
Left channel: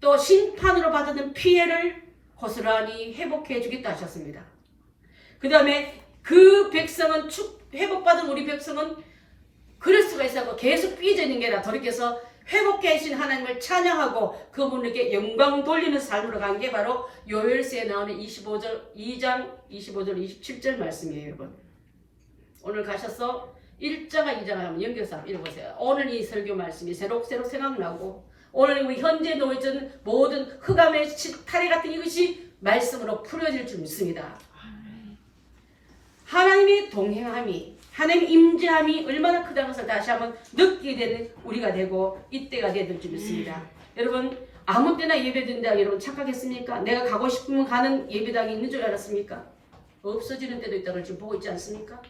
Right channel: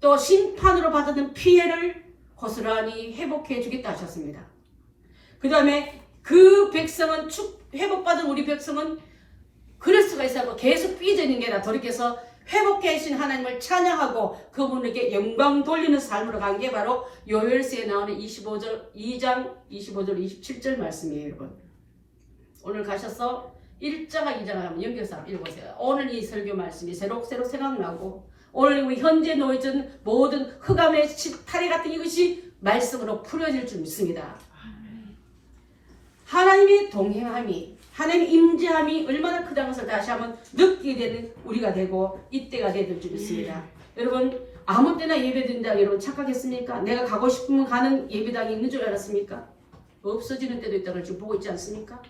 또 심판으로 받는 피해를 고스란히 회복해 주겠다 하셨습니다. 그 다음에 그 백성은 회복받은 우리 백성은 그럴 수가 있어서 계속 삐져있는 게 아니라 돌이켜서 회복해 주신 하나님을 찬양하고 그분에게 영광 돌리는 삶으로 간 게 바로 요엘서에 나오는 2장 25절 27절 말씀이에요. 여러분 오늘 가셔서 1장과 2장을 연결해서 읽어보세요. 오늘 이 설교 말씀이 새록새록 생각나고 오늘 우리 현재 놓여진 모든 흑암의 탈이 같은 이것이 말씀으로 풀어질 줄 믿습니다. 하나님의 동행함이 하나님의 임재함이 얼마나 크다는 것을 다시 한번 느끼게 되는 우리가 되고 이때가 되는 줄 믿습니다. 여러분 아무 때나 예배드린다 여러분 착각했습니까? 내가 가고 싶으면 가는 예배당이 있는 줄 알았습니까? 없어지는 때도 있다는 걸 지금 보고 있지 않습니까?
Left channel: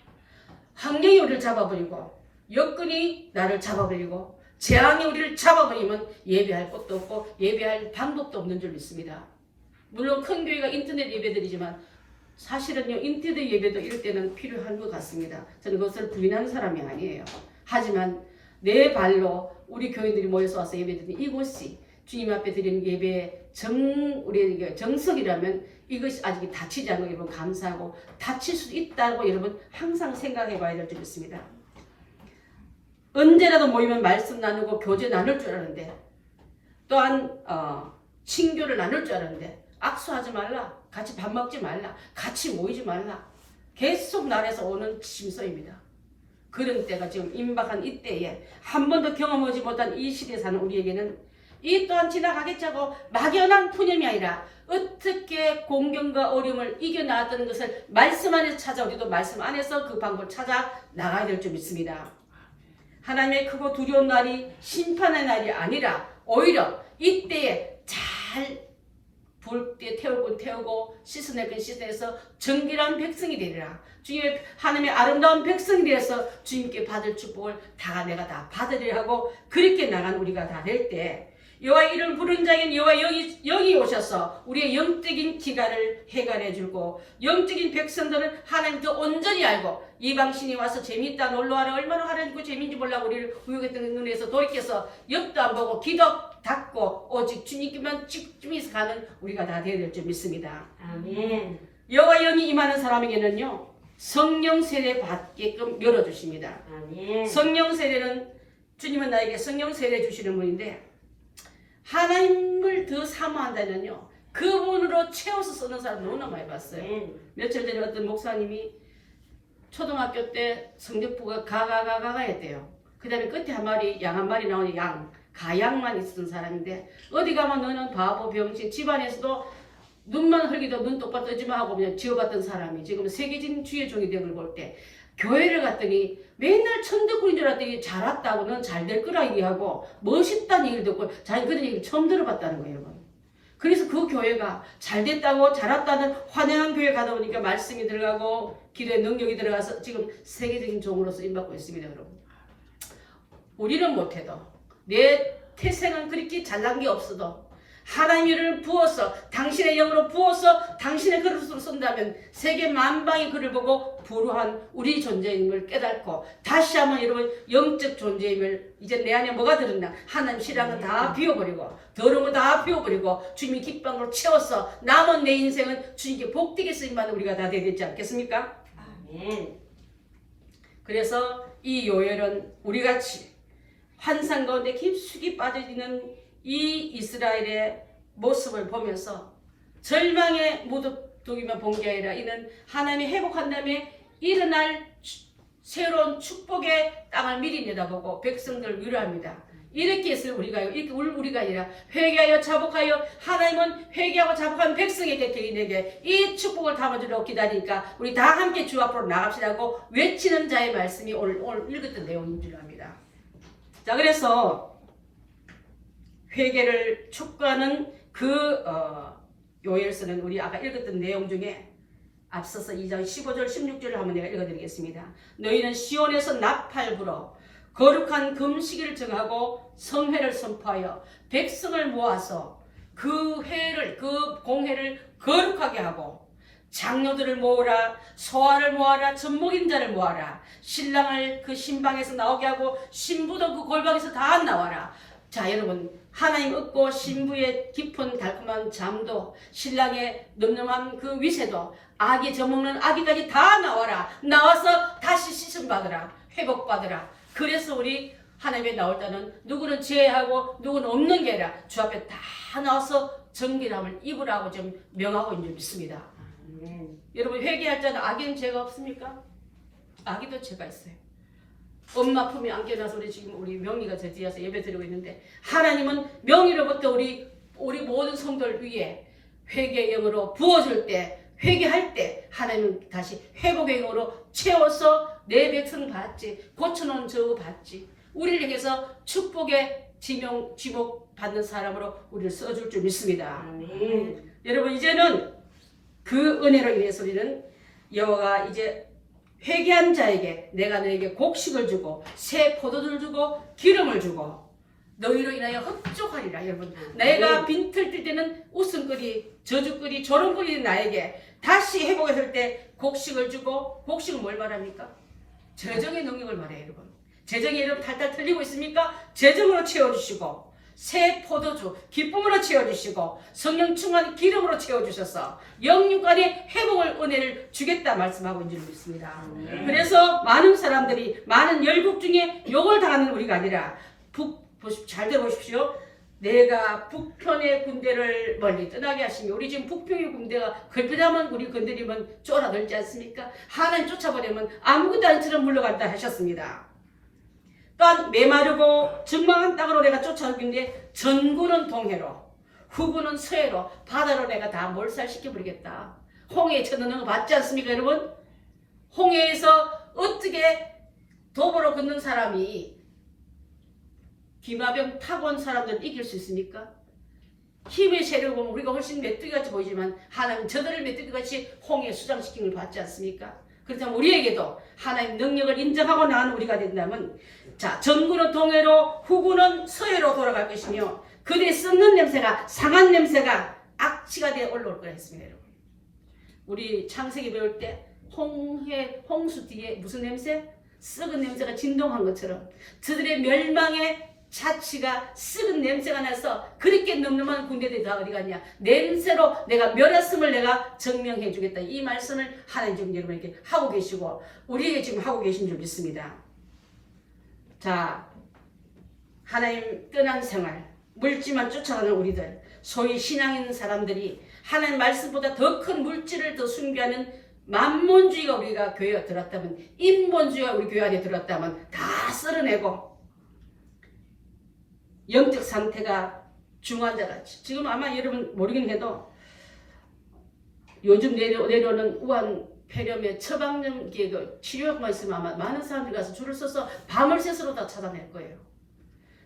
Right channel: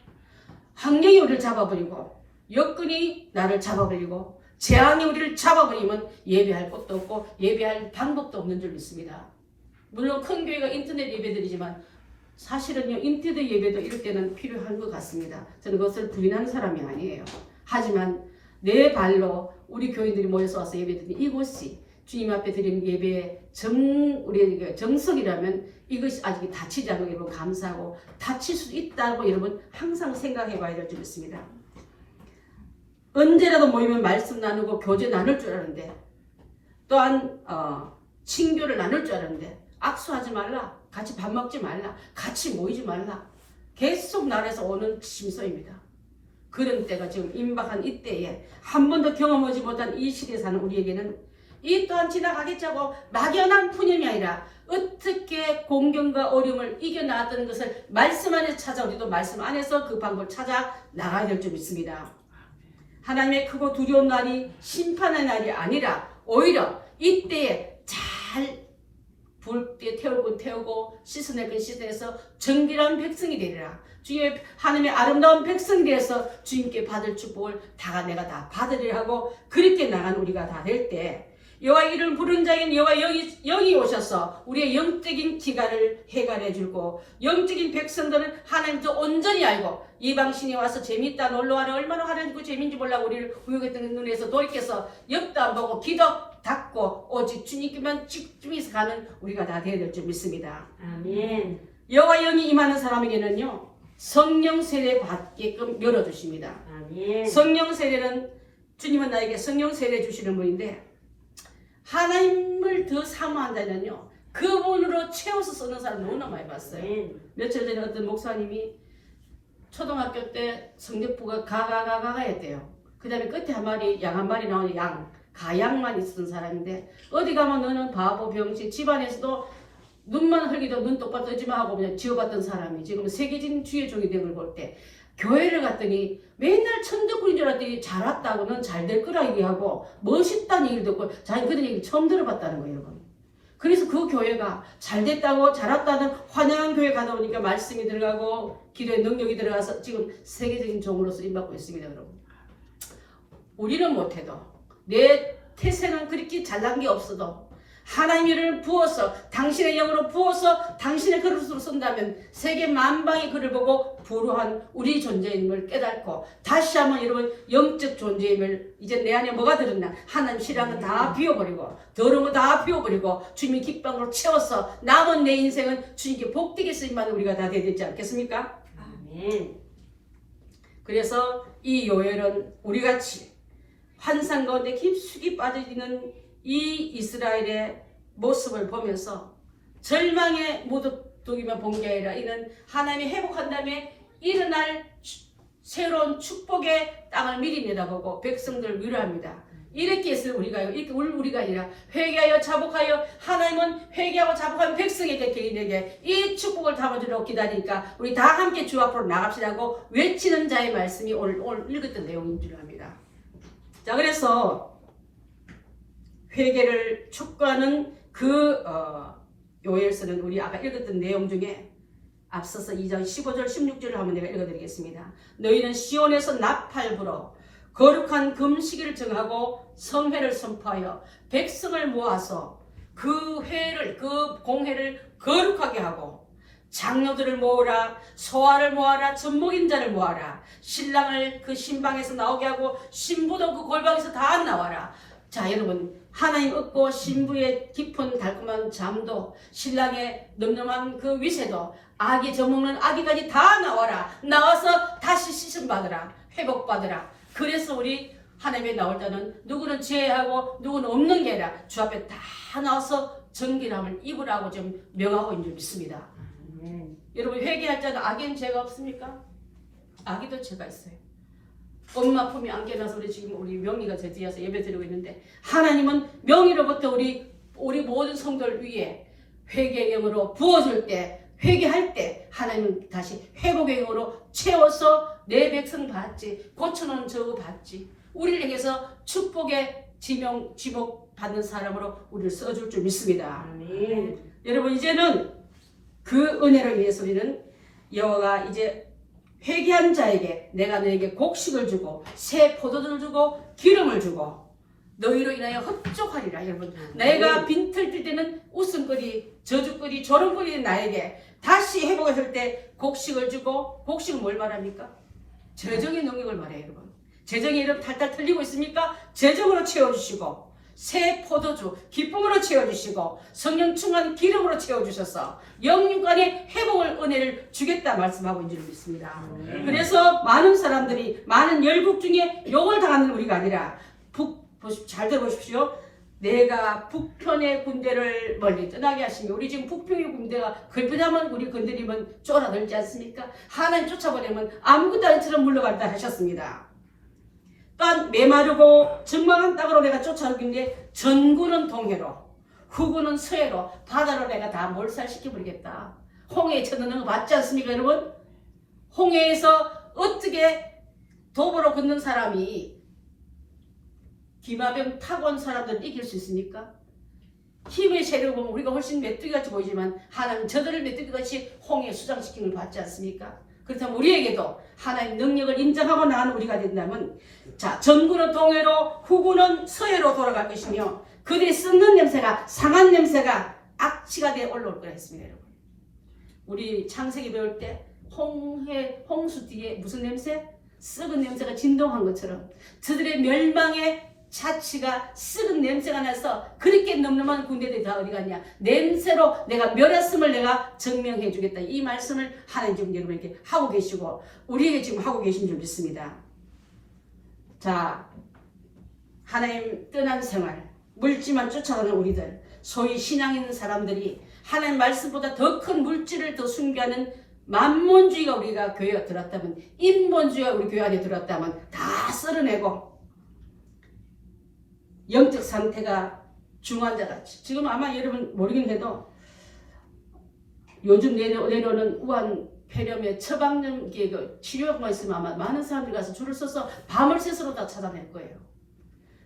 환경이 우리를 잡아버리고 여건이 나를 잡아버리고 재앙이 우리를 잡아버리면 예배할 곳도 없고 예배할 방법도 없는 줄 믿습니다. 물론 큰 교회가 인터넷 예배드리지만 사실은요 인터넷 예배도 이럴 때는 필요한 것 같습니다. 저는 그것을 부인하는 사람이 아니에요. 하지만 내 발로 우리 교인들이 모여서 와서 예배드리는 이곳이 주님 앞에 드리는 예배의 우리에게 정석이라면 이것이 아직 다치지 않고 여러분 감사하고 다칠 수도 있다고 여러분 항상 생각해 봐야 될 줄 믿습니다. 언제라도 모이면 말씀 나누고 교제 나눌 줄 알았는데, 또한 친교를 나눌 줄 알았는데 악수하지 말라, 같이 밥 먹지 말라, 같이 모이지 말라, 계속 날에서 오는 심소입니다. 그런 때가 지금 임박한 이때에 한 번도 경험하지 못한 이 시대에 사는 우리에게는 이 또한 지나가겠자고 막연한 푸념이 아니라 어떻게 공경과 어려움을 이겨나갔다는 것을 말씀 안에서 찾아, 우리도 말씀 안에서 그 방법을 찾아 나가야 될 줄 믿습니다. 하나님의 크고 두려운 날이 심판의 날이 아니라 오히려 이때에 잘 불 때 태울 건 태우고 씻어낼 건 씻어내서 정결한 백성이 되리라. 주님의 하나님의 아름다운 백성이 되어서 주님께 받을 축복을 다 내가 다 받으리라 하고 그렇게 나간 우리가 다 될 때, 여호와 이름을 부르는 자에게는 여호와 여기 오셔서 우리의 영적인 기간을 해결해 주고, 영적인 백성들은 하나님 더 온전히 알고 이방신이 와서 재미있다 놀러와라 얼마나 하나님고 재미인지 몰라고 우리를 우욕했던 눈에서 돌이켜서 옆도 안 보고 귀도 닫고 오직 주님께만 집중해서 가는 우리가 다 되어야 될 줄 믿습니다. 아멘. 여호와 영이 임하는 사람에게는요 성령 세례 받게끔 열어주십니다. 아멘. 성령 세례는 주님은 나에게 성령 세례 주시는 분인데, 하나님을 더 사모한다면요 그분으로 채워서 쓰는 사람 너무나 많이 봤어요. 아멘. 며칠 전에 어떤 목사님이 초등학교 때 성적부가 가가가가 했대요. 그 다음에 끝에 한 마리 양 한 마리 나오는 가양만 있었던 사람인데, 어디 가면 너는 바보 병신, 집안에서도 눈만 흘기도 눈 똑바로 뜨지마 하고 그냥 지어봤던 사람이 지금 세계적인 주의 종이 된 걸 볼 때, 교회를 갔더니 맨날 천덕꾸리인 줄 알았더니 잘 왔다고, 넌 잘 될 거라 얘기하고 멋있다는 얘기를 듣고 자기 그런 얘기를 처음 들어봤다는 거예요, 여러분. 그래서 그 교회가 잘 됐다고 잘 왔다는 환영한 교회 가다 보니까 말씀이 들어가고 기도의 능력이 들어가서 지금 세계적인 종으로서 임받고 있습니다, 여러분. 우리는 못해도, 내 태생은 그렇게 잘난 게 없어도 하나님의 이름을 부어서 당신의 영으로 부어서 당신의 그릇으로 쓴다면 세계 만방의 그를 보고 불우한 우리 존재임을 깨닫고 다시 한번 여러분 영적 존재임을, 이제 내 안에 뭐가 들었나, 하나님 신앙은 다 비워버리고 더러운 거 다 비워버리고 주님이 기쁨으로 채워서 남은 내 인생은 주님께 복되게 쓰임받는 우리가 다 되야 되지 않겠습니까? 아멘. 그래서 이 요엘은 우리같이 환상 가운데 깊숙이 빠져있는 이 이스라엘의 모습을 보면서 절망의 무덤뚝이며 본 게 아니라 이는 하나님이 회복한 다음에 일어날 새로운 축복의 땅을 미리 내다보고 백성들을 위로합니다. 이렇게 해서 우리가 아니라 회개하여 자복하여, 하나님은 회개하고 자복한 백성에게 개인에게 이 축복을 담아주려고 기다리니까 우리 다 함께 주 앞으로 나갑시다고 외치는 자의 말씀이 오늘 읽었던 내용인 줄 압니다. 자, 그래서 회개를 촉구하는 그 요엘서는 우리 아까 읽었던 내용 중에 앞서서 2장 15절 16절을 한번 내가 읽어드리겠습니다. 너희는 시온에서 나팔 불어 거룩한 금식일을 정하고 성회를 선포하여 백성을 모아서 그 공회를 거룩하게 하고, 장로들을 모으라, 소아를 모아라, 젖먹인 자를 모아라, 신랑을 그 신방에서 나오게 하고 신부도 그 골방에서 다 나와라. 자, 여러분, 하나님 얻고 신부의 깊은 달콤한 잠도, 신랑의 늠름한 그 위세도, 아기 젖먹는 아기까지 다 나와라. 나와서 다시 씻음 받으라, 회복받으라. 그래서 우리 하나님에 나올 때는 누구는 죄하고 누구는 없는 게 아니라 주 앞에 다 나와서 정결함을 입으라고 좀 명하고 있는 줄 믿습니다. 여러분, 회개할 때는 아기는 죄가 없습니까? 아기도 죄가 있어요. 엄마 품에 안겨놔서 우리 명희가 저 뒤에서 예배 드리고 있는데, 하나님은 명희로부터 우리 모든 성도를 위해 회개의 영으로 부어줄 때, 회개할 때 하나님은 다시 회복의 영으로 채워서 내 백성 받지, 고쳐놓은 저 받지, 우리를 향해서 축복의 지목 받는 사람으로 우리를 써줄 줄 믿습니다. 여러분, 이제는 그 은혜로 인해서 우리는 여호와가 이제 회개한 자에게 내가 너에게 곡식을 주고 새 포도주를 주고 기름을 주고 너희로 인하여 흡족하리라. 여러분, 내가 빈털 뜰 때는 웃음거리, 저주거리, 조롱거리는 나에게 다시 회복했을 때 곡식을 주고, 곡식은 뭘 말합니까? 재정의 능력을 말해요. 여러분, 재정이 여러분 탈탈 틀리고 있습니까? 재정으로 채워주시고, 새 포도주 기쁨으로 채워주시고 성령 충만 기름으로 채워주셔서 영육간의 회복을 은혜를 주겠다 말씀하고 있는 줄 믿습니다. 그래서 많은 사람들이 많은 열국 중에 욕을 당하는 우리가 아니라 잘 들어보십시오. 내가 북편의 군대를 멀리 떠나게 하시며 우리 지금 북편의 군대가 걸핏하면 우리 건드리면 쫄아들지 않습니까? 하나님 쫓아버리면 아무것도 아니처럼 물러간다 하셨습니다. 또한 메마르고 적망한 땅으로 내가 쫓아오는데 전구는 동해로 후구는 서해로 바다로 내가 다 몰살시켜버리겠다. 홍해에 쳐넣는 거 맞지 않습니까 여러분? 홍해에서 어떻게 도보로 걷는 사람이 기마병 타고 온 사람들은 이길 수 있습니까? 힘의 세력을 보면 우리가 훨씬 메뚜기같이 보이지만 하나님 저들을 메뚜기같이 홍해에 수장시킨 걸 받지 않습니까? 그렇다면 우리에게도 하나님 능력을 인정하고 나가는 우리가 된다면 자 전구는 동해로 후구는 서해로 돌아갈 것이며 그들이 썩는 냄새가 상한 냄새가 악취가 되어 올라올 거라 했습니다. 여러분. 우리 창세기 배울 때 홍수 뒤에 무슨 냄새? 썩은 냄새가 진동한 것처럼 저들의 멸망의 자취가 썩은 냄새가 나서 그렇게 늠름한 군대들이 다 어디 갔냐? 냄새로 내가 멸했음을 내가 증명해 주겠다. 이 말씀을 하나님 지금 여러분에게 하고 계시고 우리에게 지금 하고 계신 줄 믿습니다. 자, 하나님 떠난 생활, 물질만 쫓아가는 우리들, 소위 신앙 있는 사람들이 하나님 말씀보다 더 큰 물질을 더 숭배하는 만몬주의가 우리가 교회에 들었다면, 인본주의가 우리 교회 안에 들었다면 다 썰어내고 영적 상태가 중환자같이 지금 아마 여러분 모르긴 해도 요즘 내려오는 우한 폐렴의 처방전 치료약만 있으면 아마 많은 사람들이 가서 줄을 서서 밤을 새서로 다 찾아낼 거예요.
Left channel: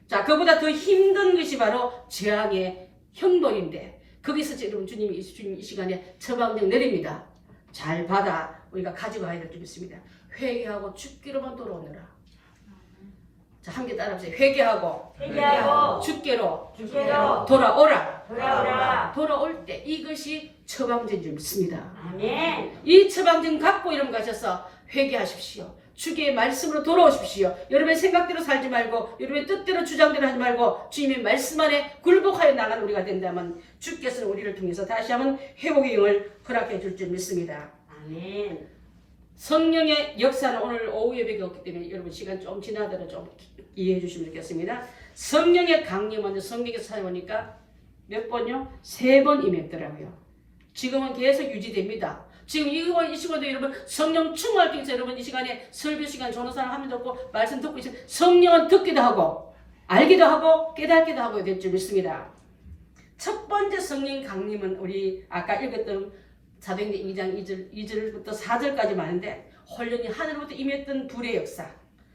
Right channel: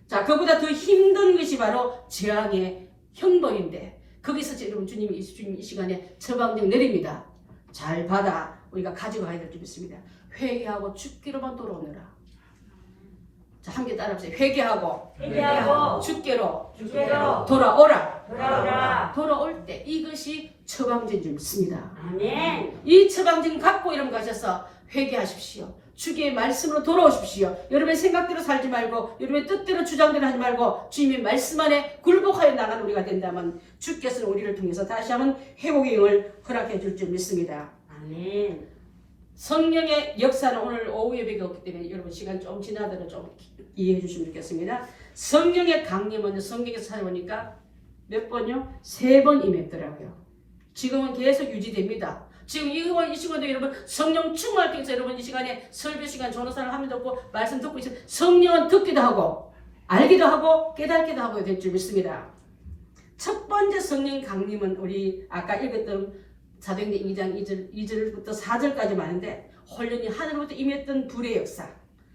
자, 그보다 더 힘든 것이 바로 재앙의 형벌인데 거기서 여러분 주님이 이 시간에 처방전 내립니다. 잘 받아 우리가 가져가야 될 줄 믿습니다. 회개하고 죽기로만 돌아오느라. 자, 함께 따라합시다. 회개하고 죽게로 돌아오라. 돌아올 때 이것이 처방전인 줄 믿습니다. 아멘. 이 처방전 갖고 이름 가셔서 회개하십시오. 주의 말씀으로 돌아오십시오. 여러분의 생각대로 살지 말고 여러분의 뜻대로 주장대로 하지 말고 주님의 말씀 안에 굴복하여 나가는 우리가 된다면 주께서는 우리를 통해서 다시 한번 회복의 영을 허락해 줄 줄 믿습니다. 아멘. 성령의 역사는 오늘 오후 예배가 없기 때문에 여러분 시간 좀 지나더라도 좀 이해해 주시면 좋겠습니다. 성령의 강림은 성경에서 찾아보니까 몇 번요? 3번 임했더라고요. 지금은 계속 유지됩니다. 지금 이 시간도 여러분 성령 충만할 때 여러분 이 시간에 설교 시간 전도사를 하면 듣고 말씀 듣고 있어요. 성령은 듣기도 하고 알기도 하고 깨닫기도 하고 될 줄 믿습니다. 첫 번째 성령 강림은 우리 아까 읽었던 사도행전 2장 2절부터 4절까지 많은데 혼련이 하늘로부터 임했던 불의 역사,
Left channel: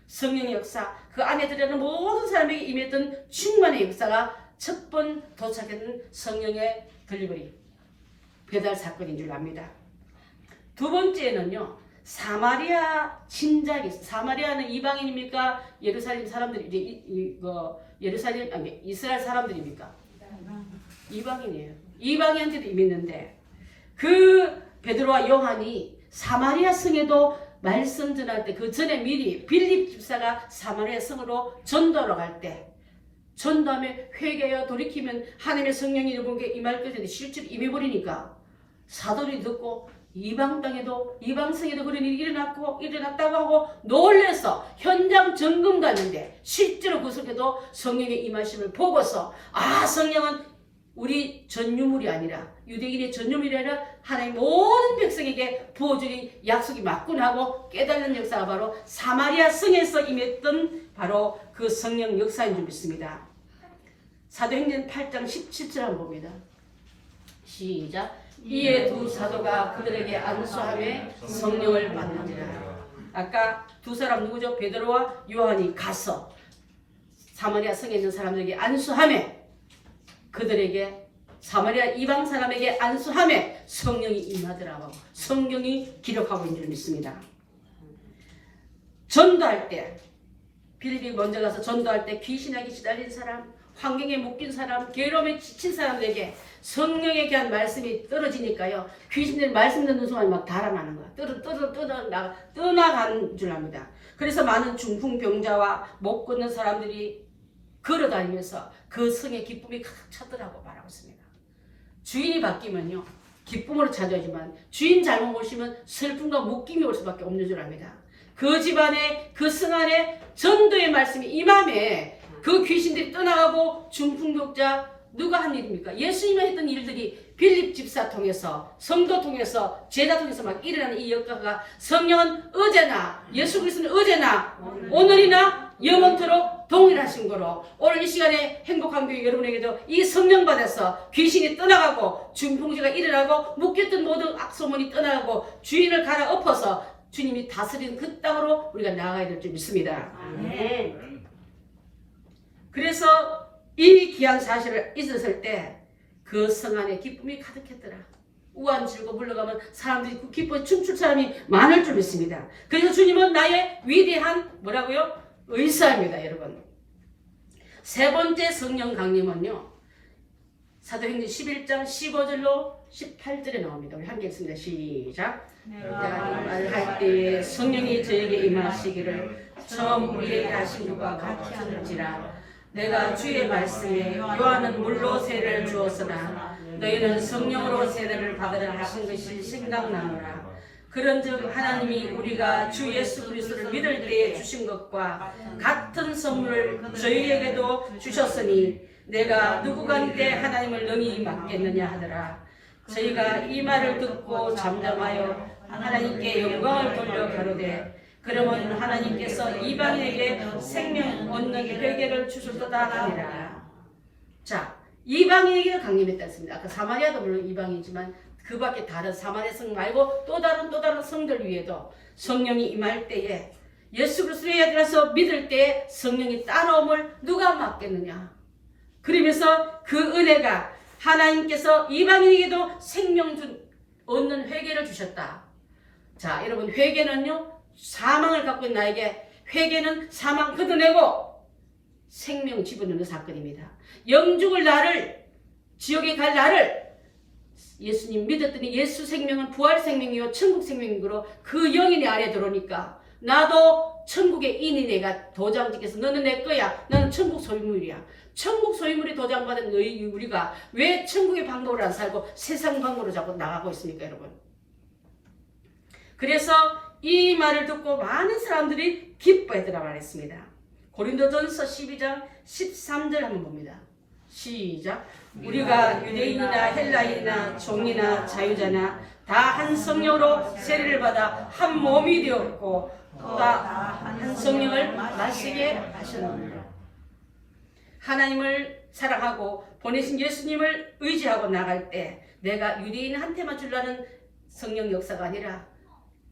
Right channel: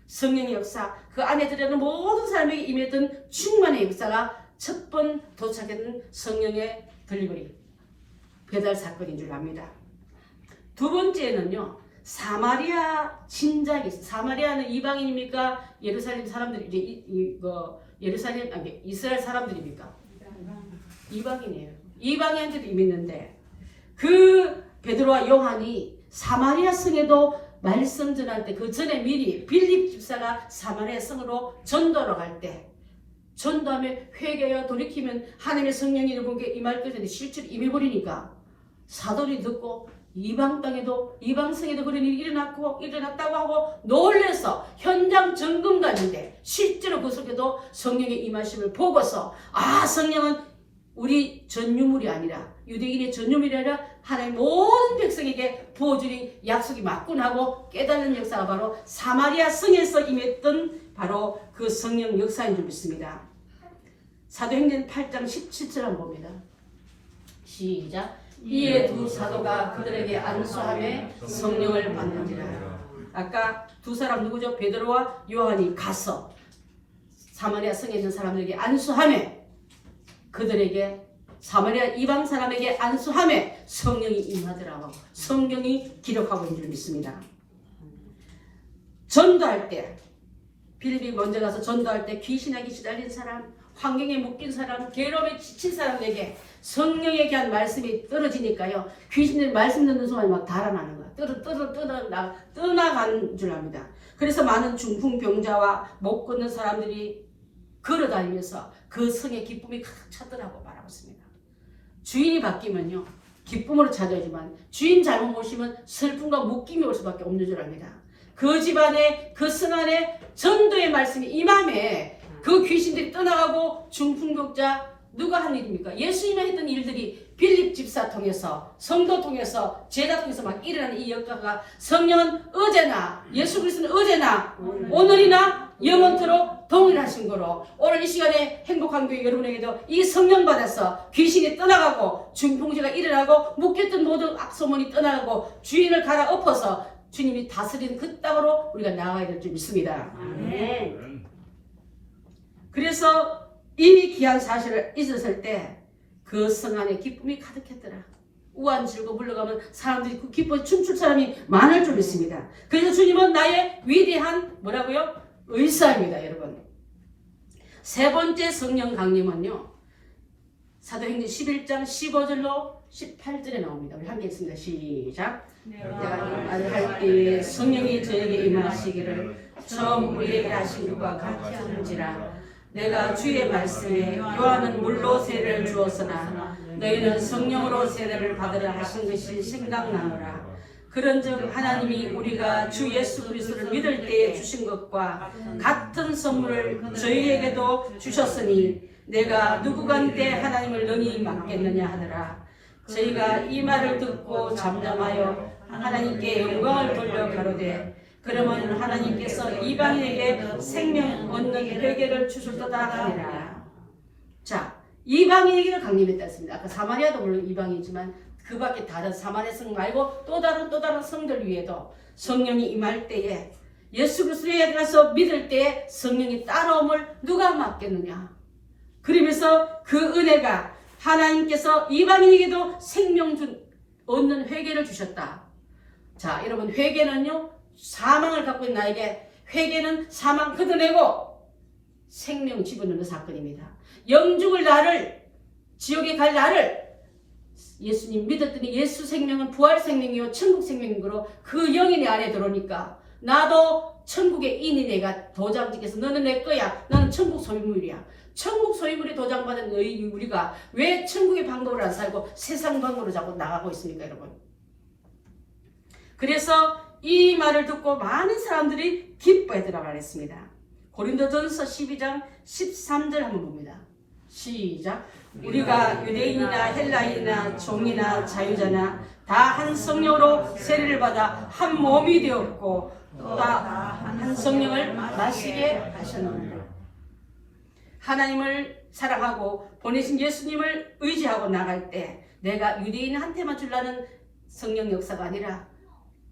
성령의 역사, 그 안에 들어가는 모든 사람에게 임했던 충만의 역사가 첫 번 도착했던 성령의 딜리버리 배달 사건인 줄 압니다. 두 번째는요, 사마리아 진작이 있어요. 사마리아는 이방인입니까? 예루살렘 사람들이 예루살렘 아니 이스라엘 사람들입니까? 이방인이에요. 이방인한테도 이미 있는데 그 베드로와 요한이 사마리아 성에도 말씀 전할 때 그 전에 미리 빌립 집사가 사마리아 성으로 전도하러 갈 때 전도하며 회개하여 돌이키면 하나님의 성령이 여러분께 임할 것인데 실제로 임해버리니까 사도들이 듣고 이방 땅에도 이방 성에도 그런 일이 일어났다고 하고 놀래서 현장 점검 갔는데 실제로 그 속에도 성령의 임하심을 보고서 아 성령은 우리 전유물이 아니라 유대인의 전유물이 아니라 하나님 모든 백성에게 부어주니 약속이 맞구나 하고 깨달는 역사가 바로 사마리아 성에서 임했던 바로 그 성령 역사인 줄 믿습니다. 사도행전 8장 17절 한번 봅니다. 시작. 이에 두 사도가 그들에게 안수하며 성령을 받는지라. 아까 두 사람 누구죠? 베드로와 요한이 가서 사마리아 성에 있는 사람들에게 안수하며 그들에게 사마리아 이방 사람에게 안수하며 성령이 임하더라고 성경이 기록하고 있는 줄 믿습니다. 전도할 때 빌립이 먼저 가서 전도할 때 귀신에게 시달린 사람, 환경에 묶인 사람, 괴로움에 지친 사람들에게 성령에 대한 말씀이 떨어지니까요. 귀신들이 말씀 듣는 순간 막 달아나는 거야. 떠나간 줄 압니다. 그래서 많은 중풍병자와 못 걷는 사람들이 걸어다니면서 그 성의 기쁨이 가득 찼더라고 말하고 있습니다. 주인이 바뀌면요 기쁨으로 찾아오지만 주인 잘못 오시면 슬픔과 묶임이 올 수밖에 없는 줄 압니다. 그 집안에 그 성 안에 전도의 말씀이 임함에 그 귀신들이 떠나가고 중풍독자 누가 한 일입니까? 예수님이 했던 일들이 빌립 집사 통해서 성도 통해서 제자 통해서 막 일어나는 이 역사가 성령은 어제나 예수 그리스도는 어제나 오늘이나 영원토록 동일하신 거로 오늘 이 시간에 행복한 교회 여러분에게도 이 성령 받아서 귀신이 떠나가고 중풍지가 일어나고 묶였던 모든 악소문이 떠나가고 주인을 갈아엎어서 주님이 다스리는 그 땅으로 우리가 나아가야 될 줄 믿습니다. 아멘. 그래서 이 귀한 사실을 잊었을 때 그 성 안에 기쁨이 가득했더라. 우한 지르고 물러가면 사람들이 그 기뻐 춤출 사람이 많을 줄 믿습니다. 그래서 주님은 나의 위대한 뭐라고요? 의사입니다, 여러분. 세 번째 성령 강림은요. 사도행전 11장 15절로 18절에 나옵니다. 우리 함께 읽습니다. 시작. 내가 이 말을 할 때 성령이 저에게 임하시기를 처음 우리에게 하신 것과 같이 하는지라. 내가 주의 말씀에 요한은 물로 세례를 주었으나 너희는 성령으로 세례를 받으라 하신 것이 생각나노라. 그런즉 하나님이 우리가 주 예수 그리스도를 믿을 때에 주신 것과 같은 선물을 저희에게도 주셨으니 내가 누구간데 하나님을 능히 맡겠느냐 하더라. 저희가 이 말을 듣고 잠잠하여 하나님께 영광을 돌려 가로되 그러면 하나님께서 이방인에게 생명 얻는 회개를 주셨도다 하니라. 자, 이방인에게도 강림했다 했습니다. 아까 사마리아도 물론 이방이지만 그 밖에 다른 사마리아 성 말고 또 다른 성들 위에도 성령이 임할 때에 예수 그리스도에 들어서 믿을 때에 성령이 따라옴을 누가 맡겠느냐. 그러면서 그 은혜가 하나님께서 이방인에게도 생명 얻는 회개를 주셨다. 자, 여러분 회개는요. 사망을 갖고 있는 나에게 회개는 사망 걷어내고 생명 집어넣는 사건입니다. 영죽을 나를 지옥에 갈 나를 예수님 믿었더니 예수 생명은 부활 생명이요 천국 생명이므로 그 영이 내 안에 들어오니까 나도 천국의 인이 내가 도장 찍혀서 너는 내 거야. 나는 천국 소유물이야. 천국 소유물이 도장받은 너희 우리가 왜 천국의 방법으로 안 살고 세상 방법으로 자꾸 나가고 있습니까, 여러분? 그래서 이 말을 듣고 많은 사람들이 기뻐하더라 말했습니다. 고린도전서 12장 13절 한번 봅니다. 시작. 우리가 유대인이나 헬라인이나 종이나 자유자나 다 한 성령으로 세례를 받아 한 몸이 되었고 또 다 한 성령을 마시게 하셨느니라. 하나님을 사랑하고 보내신 예수님을 의지하고 나갈 때 내가 유대인한테만 주려는 성령 역사가 아니라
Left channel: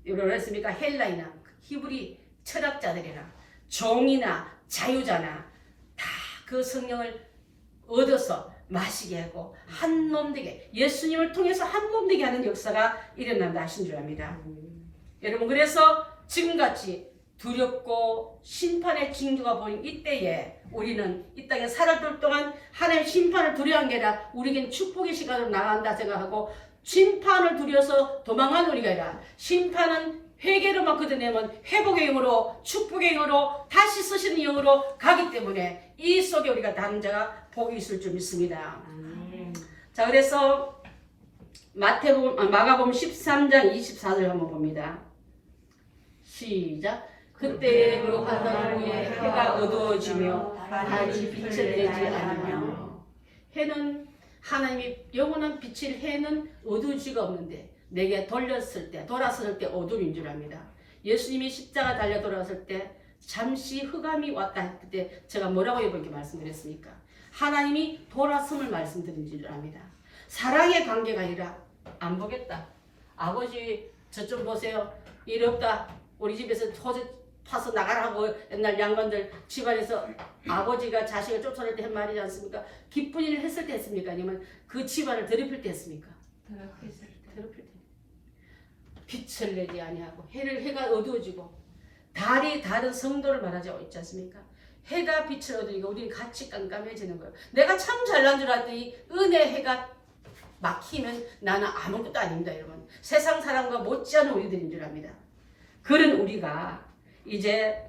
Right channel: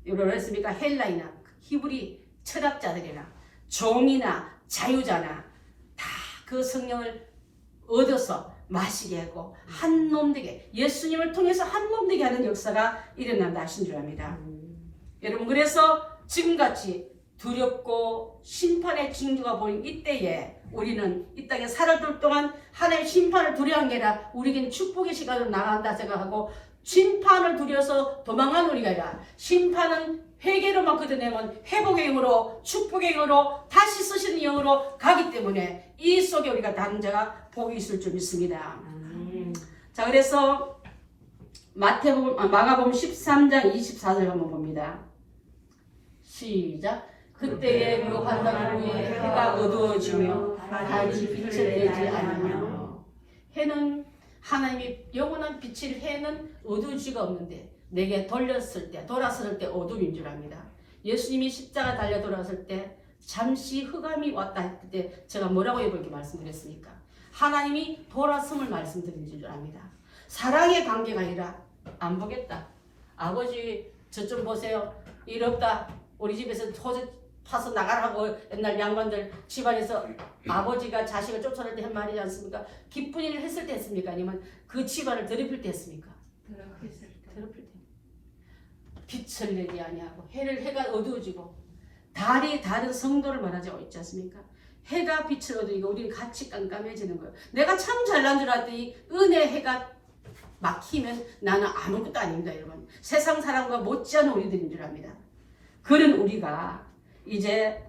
뭐라 했습니까? 헬라이나 히브리 철학자들이나 종이나 자유자나 다 그 성령을 얻어서 마시게 하고 한 놈 되게 예수님을 통해서 한 놈 되게 하는 역사가 일어난다 하신 줄 압니다. 여러분 그래서 지금같이 두렵고 심판의 징조가 보인 이때에 우리는 이 땅에 살아들 동안 하나님의 심판을 두려워한 게 아니라 우리에겐 축복의 시간으로 나간다 생각하고 심판을 두려워서 도망가는 우리가 아니라 심판은 회개로만 걷어내면 회복의 영으로 축복의 영으로 다시 쓰시는 영으로 가기 때문에 이 속에 우리가 담자가 복이 있을 줄 믿습니다. 자 그래서 마가복음 13장 24절 한번 봅니다. 시작. 그때 그 환상 후에 해가 어두워지며 달이 빛을 내지 않으며 해는 하나님이 영원한 빛을 해는 어두우지가 없는데 내게 돌렸을 때 돌아섰을 때 어둠인 줄 압니다. 예수님이 십자가 달려 돌아섰을 때 잠시 흑암이 왔다 했을 때 제가 뭐라고 이렇게 말씀드렸습니까? 하나님이 돌아섬을 말씀드린 줄 압니다. 사랑의 관계가 아니라 안 보겠다. 아버지 저 좀 보세요. 일 없다. 우리 집에서 호주 파서 나가라고 옛날 양반들 집안에서 아버지가 자식을 쫓아낼 때 한 말이지 않습니까? 기쁜 일을 했을 때 했습니까? 아니면 그 집안을 더럽힐 때 했습니까? 더럽힐 때. 빛을 내지 아니하고 해가 어두워지고 달이 다른 성도를 말하지 있지 않습니까? 해가 빛을 얻으니까 우리는 같이 깜깜해지는 거예요. 내가 참 잘난 줄 알았더니 은혜 해가 막히면 나는 아무것도 아닙니다, 여러분. 세상 사람과 못지않은 우리들인 줄 압니다. 그런 우리가 이제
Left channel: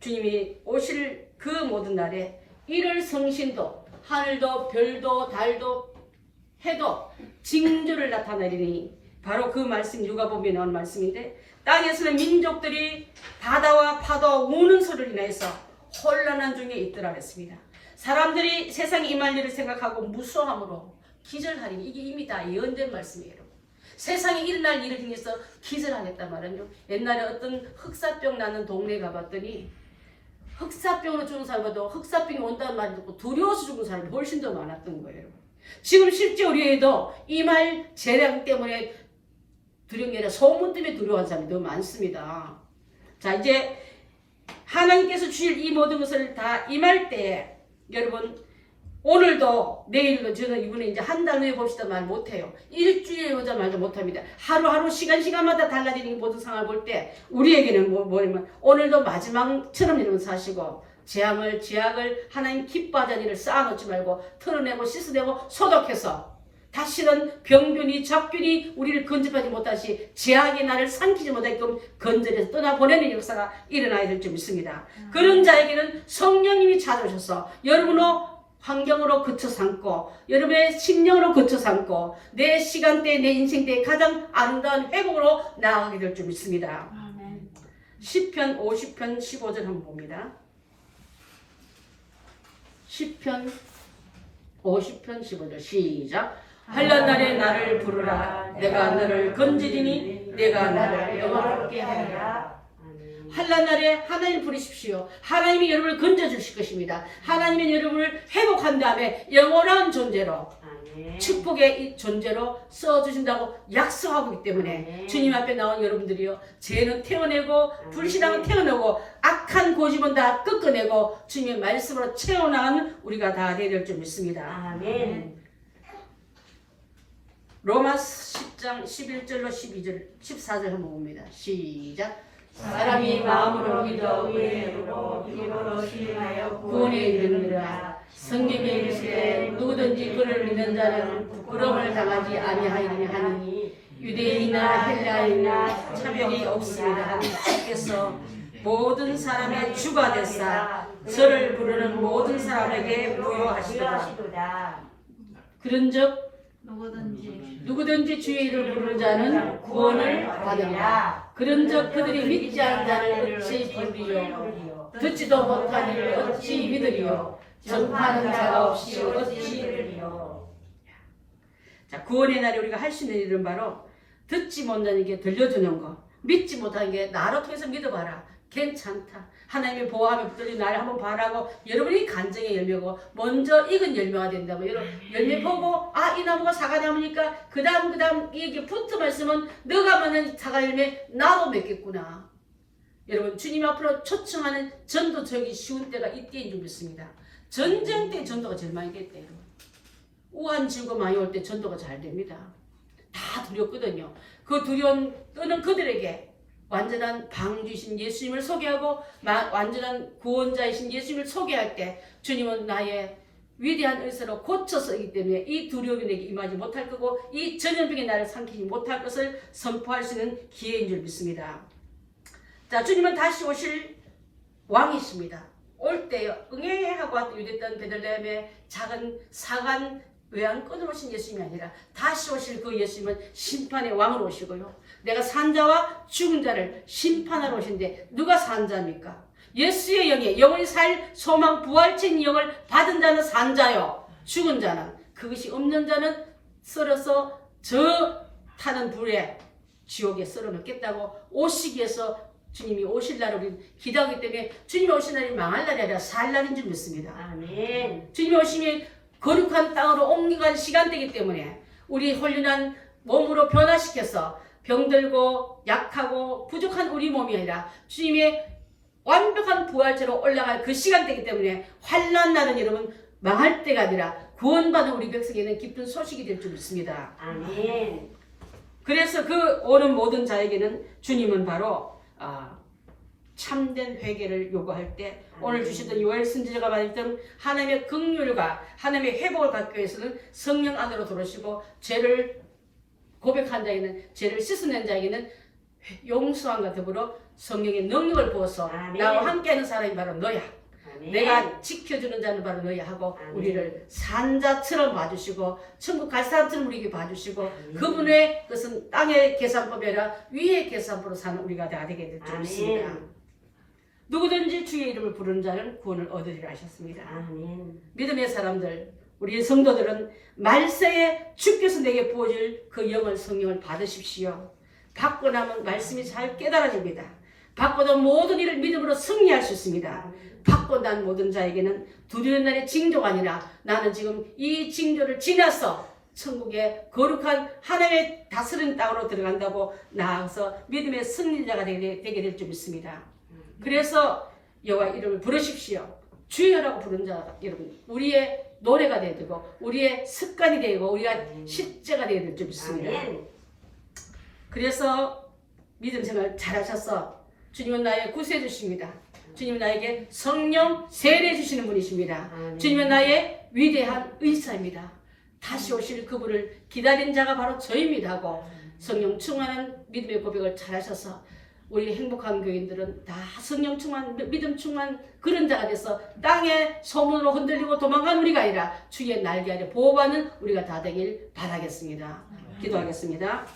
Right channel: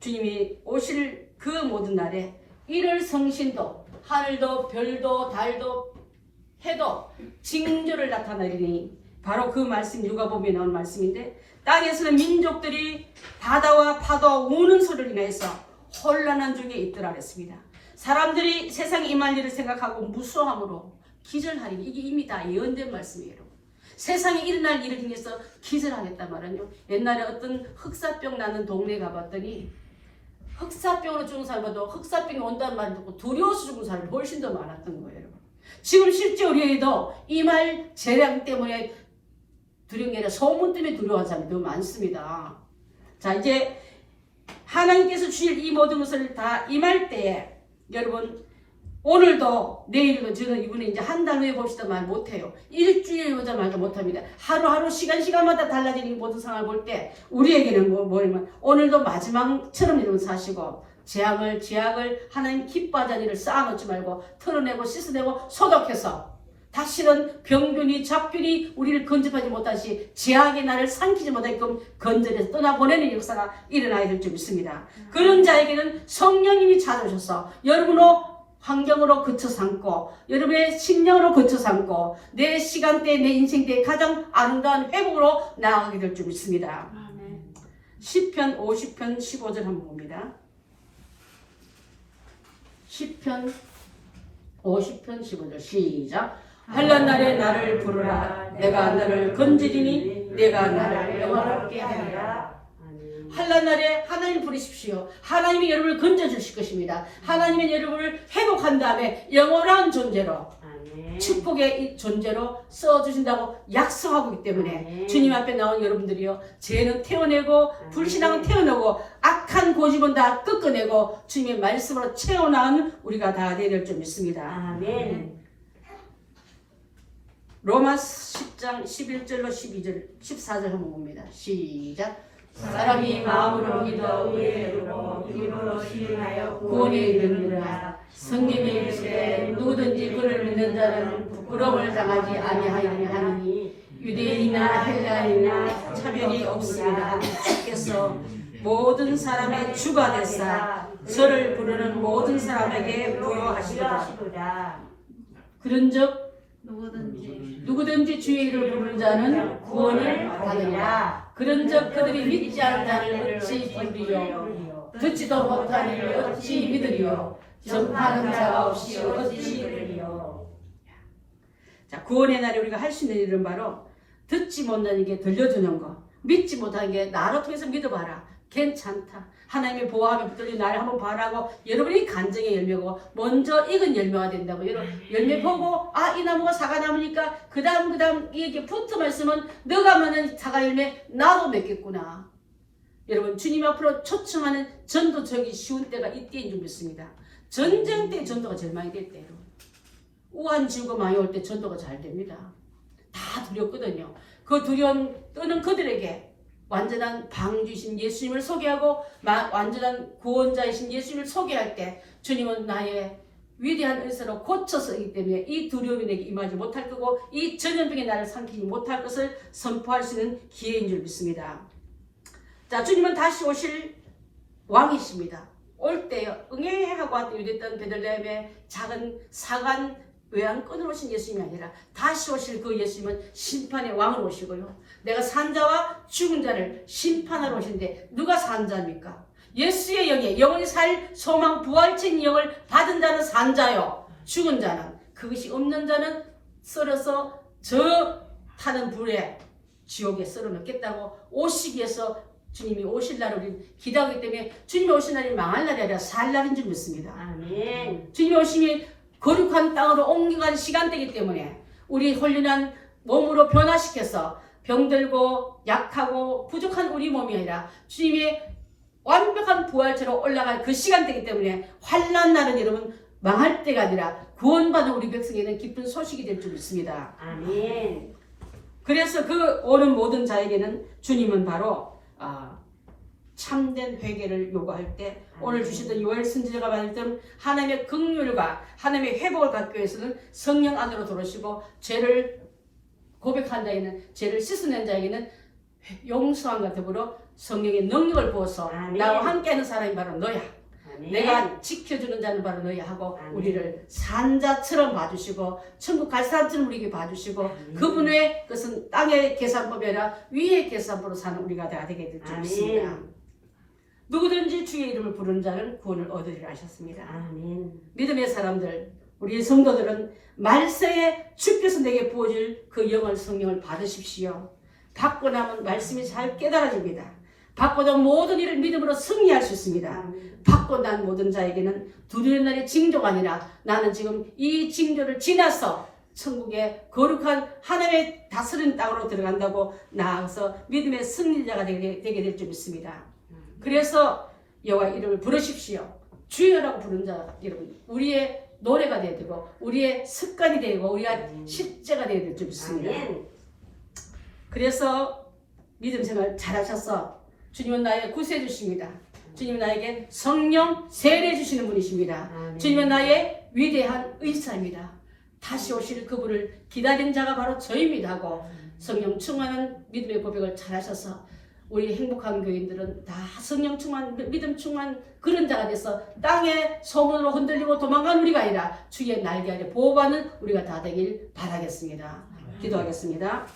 주님이 오실 그 모든 날에 이를 성신도 하늘도 별도 달도 해도 징조를 나타내리니 바로 그 말씀 누가복음에 나온 말씀인데 땅에서는 민족들이 바다와 파도 우는 소리를 인해서 혼란한 중에 있더라 그랬습니다. 사람들이 세상에 임할 일을 생각하고 무수함으로 기절하리니 이게 이미 다 예언된 말씀이에요. 세상에 일어날 일을 향해서 기절하겠단 말은요. 옛날에 어떤 흑사병 나는 동네에 가봤더니 흑사병으로 죽은 사람보다 흑사병이 온다는 말 듣고 두려워서 죽은 사람이 훨씬 더 많았던 거예요. 지금 실제 우리에도 이 말 재량 때문에 두려운 게 아니라 소문 때문에 두려워하는 사람이 더 많습니다. 자, 이제 하나님께서 주실 이 모든 것을 다 임할 때에 여러분 오늘도 내일도 저는 이번에 이제 한 달 후에 봅시다 말 못해요. 일주일에 보자 말도 못합니다. 하루하루 시간마다 달라지는 모든 상황을 볼 때 우리에게는 뭐냐면 오늘도 마지막처럼 여러분 사시고 죄악을 하나님 기뻐하자는 일을 쌓아놓지 말고 털어내고 씻어내고 소독해서 다시는 병균이 잡균이 우리를 건집하지 못하시 죄악의 나를 삼키지 못하게끔 건져내서 떠나보내는 역사가 일어나야 될 줄 믿습니다. 그런 자에게는 성령님이 찾아오셔서 여러분의 환경으로 거쳐 삼고 여러분의 심령으로 거쳐 삼고 내 시간대 내 인생대의 가장 아름다운 회복으로 나아가게 될 줄 믿습니다. 시편 50편 15절 한번 봅니다. 시편 50편 15절 시작. 환난 날에 나를 부르라. 내가 너를 건지리니 내가 나를 영화롭게 하리라. 환난 날에 하나님 부르십시오. 하나님이 여러분을 건져주실 것입니다. 하나님은 여러분을 회복한 다음에 영원한 존재로 축복의 존재로 써주신다고 약속하고 있기 때문에 주님 앞에 나온 여러분들이요, 죄는 태워내고 불신앙은 태워내고 악한 고집은 다 꺾어내고 주님의 말씀으로 채워나가는 우리가 다 되어야 될 줄 믿습니다. 아멘. 로마서 10장 11절로 12절 14절 한번 봅니다. 시작. 사람이 마음으로 믿어 의로 입으로 시인하여 구원에 이르느니라. 성경에 이르시되 누구든지 그를 믿는 자는 부끄러움을 당하지 아니하리니 하니 유대인이나 헬라인이나 차별이 없습니다. 주께서 모든 사람의 주가 되사 저를 부르는 모든 사람에게 부여하시리라. 그런즉 누구든지 주의 이름을 부르는 자는 구원을 받으리라. 그런즉 그들이 믿지 않는 자를 어찌 부르리요? 듣지도 못하는 이를 어찌 믿으리요? 전파하는 자가 없이 어찌 들으리요? 자, 구원의 날에 우리가 할 수 있는 일은 바로 듣지 못하는 게 들려주는 거, 믿지 못하는 게 나로 통해서 믿어봐라. 괜찮다. 하나님의 보호함에 붙들린 나를 한번 바라고 여러분이 간증의 열매고 먼저 익은 열매가 된다고. 여러분 열매 보고 이 나무가 사과나무니까 그 다음 이게 붙어만 있으면 너가 맺는 사과 열매 나도 맺겠구나. 여러분 주님 앞으로 초청하는 전도적이 쉬운 때가 이때인 줄 믿습니다. 전쟁 때 전도가 제일 많이 될 때, 여러분 우한 지구가 많이 올 때 전도가 잘 됩니다. 다 두렵거든요. 그 두려운 떠는 그들에게 완전한 방주이신 예수님을 소개하고 완전한 구원자이신 예수님을 소개할 때 주님은 나의 위대한 은사로 고쳐서이기 때문에 이 두려움이 내게 임하지 못할 거고 이 전염병이 나를 삼키지 못할 것을 선포할 수 있는 기회인 줄 믿습니다. 자, 주님은 다시 오실 왕이십니다. 올 때 응애하고 왔던 유대 땅 베들레헴의 작은 사관 외양간으로 오신 예수님이 아니라 다시 오실 그 예수님은 심판의 왕으로 오시고요, 내가 산자와 죽은 자를 심판하러 오신데 누가 산자입니까? 예수의 영에 영원히 살 소망 부활체인 영을 받은 자는 산자요, 죽은 자는 그것이 없는 자는 썰어서 저 타는 불에 지옥에 썰어 넣겠다고 오시기 위해서 주님이 오실 날을 우리 기대하기 때문에 주님이 오실 날이 망할 날이 아니라 살 날인 줄 믿습니다. 아멘. 주님이 오심이 거룩한 땅으로 옮겨가는 시간대이기 때문에 우리 홀륜한 몸으로 변화시켜서 병들고 약하고 부족한 우리 몸이 아니라 주님의 완벽한 부활체로 올라갈 그 시간대이기 때문에 환난 날은 여러분 망할 때가 아니라 구원받은 우리 백성에게는 기쁜 소식이 될 줄 믿습니다. 아멘. 그래서 그 오는 모든 자에게는 주님은 바로 참된 회개를 요구할 때 오늘 주시던 요엘 선지자가 말했던 하나님의 긍휼과 하나님의 회복을 갖기 위해서는 성령 안으로 들어오시고 죄를 고백한 자에게는 죄를 씻어낸 자에게는 용서함과 더불어 성령의 능력을 부어서 나와 함께하는 사람이 바로 너야. 아멘. 내가 지켜주는 자는 바로 너야 하고 아멘. 우리를 산자처럼 봐주시고 천국 갈 사람처럼 우리에게 봐주시고 아멘. 그분의 그것은 땅의 계산법이 아니라 위의 계산법으로 사는 우리가 다 되게 될 줄 믿습니다. 아멘. 누구든지 주의 이름을 부르는 자는 구원을 얻으리라 하셨습니다. 아멘. 믿음의 사람들, 우리 성도들은 말세에 주께서 내게 부어질 그 영을 성령을 받으십시오. 받고 나면 말씀이 잘 깨달아집니다. 받고도 모든 일을 믿음으로 승리할 수 있습니다. 아멘. 받고 난 모든 자에게는 두려운 날의 징조가 아니라 나는 지금 이 징조를 지나서 천국의 거룩한 하나님의 다스린 땅으로 들어간다고 나아가서 믿음의 승리자가 되게 될 줄 믿습니다. 그래서 여호와 이름을 부르십시오. 주여라고 부른 자 여러분, 우리의 노래가 되어야 되고 우리의 습관이 되고 우리가 실제가 되어야 될 줄 믿습니다. 아멘. 그래서 믿음 생활 잘하셔서 주님은 나의 구세해 주십니다. 주님은 나에게 성령 세례해 주시는 분이십니다. 아멘. 주님은 나의 위대한 의사입니다. 다시 오실 그분을 기다린 자가 바로 저입니다 하고 성령 충만한 믿음의 고백을 잘하셔서 우리 행복한 교인들은 다 성령 충만, 믿음 충만 그런 자가 돼서 땅의 소문으로 흔들리고 도망간 우리가 아니라 주의 날개 아래 보호받는 우리가 다 되길 바라겠습니다. 기도하겠습니다.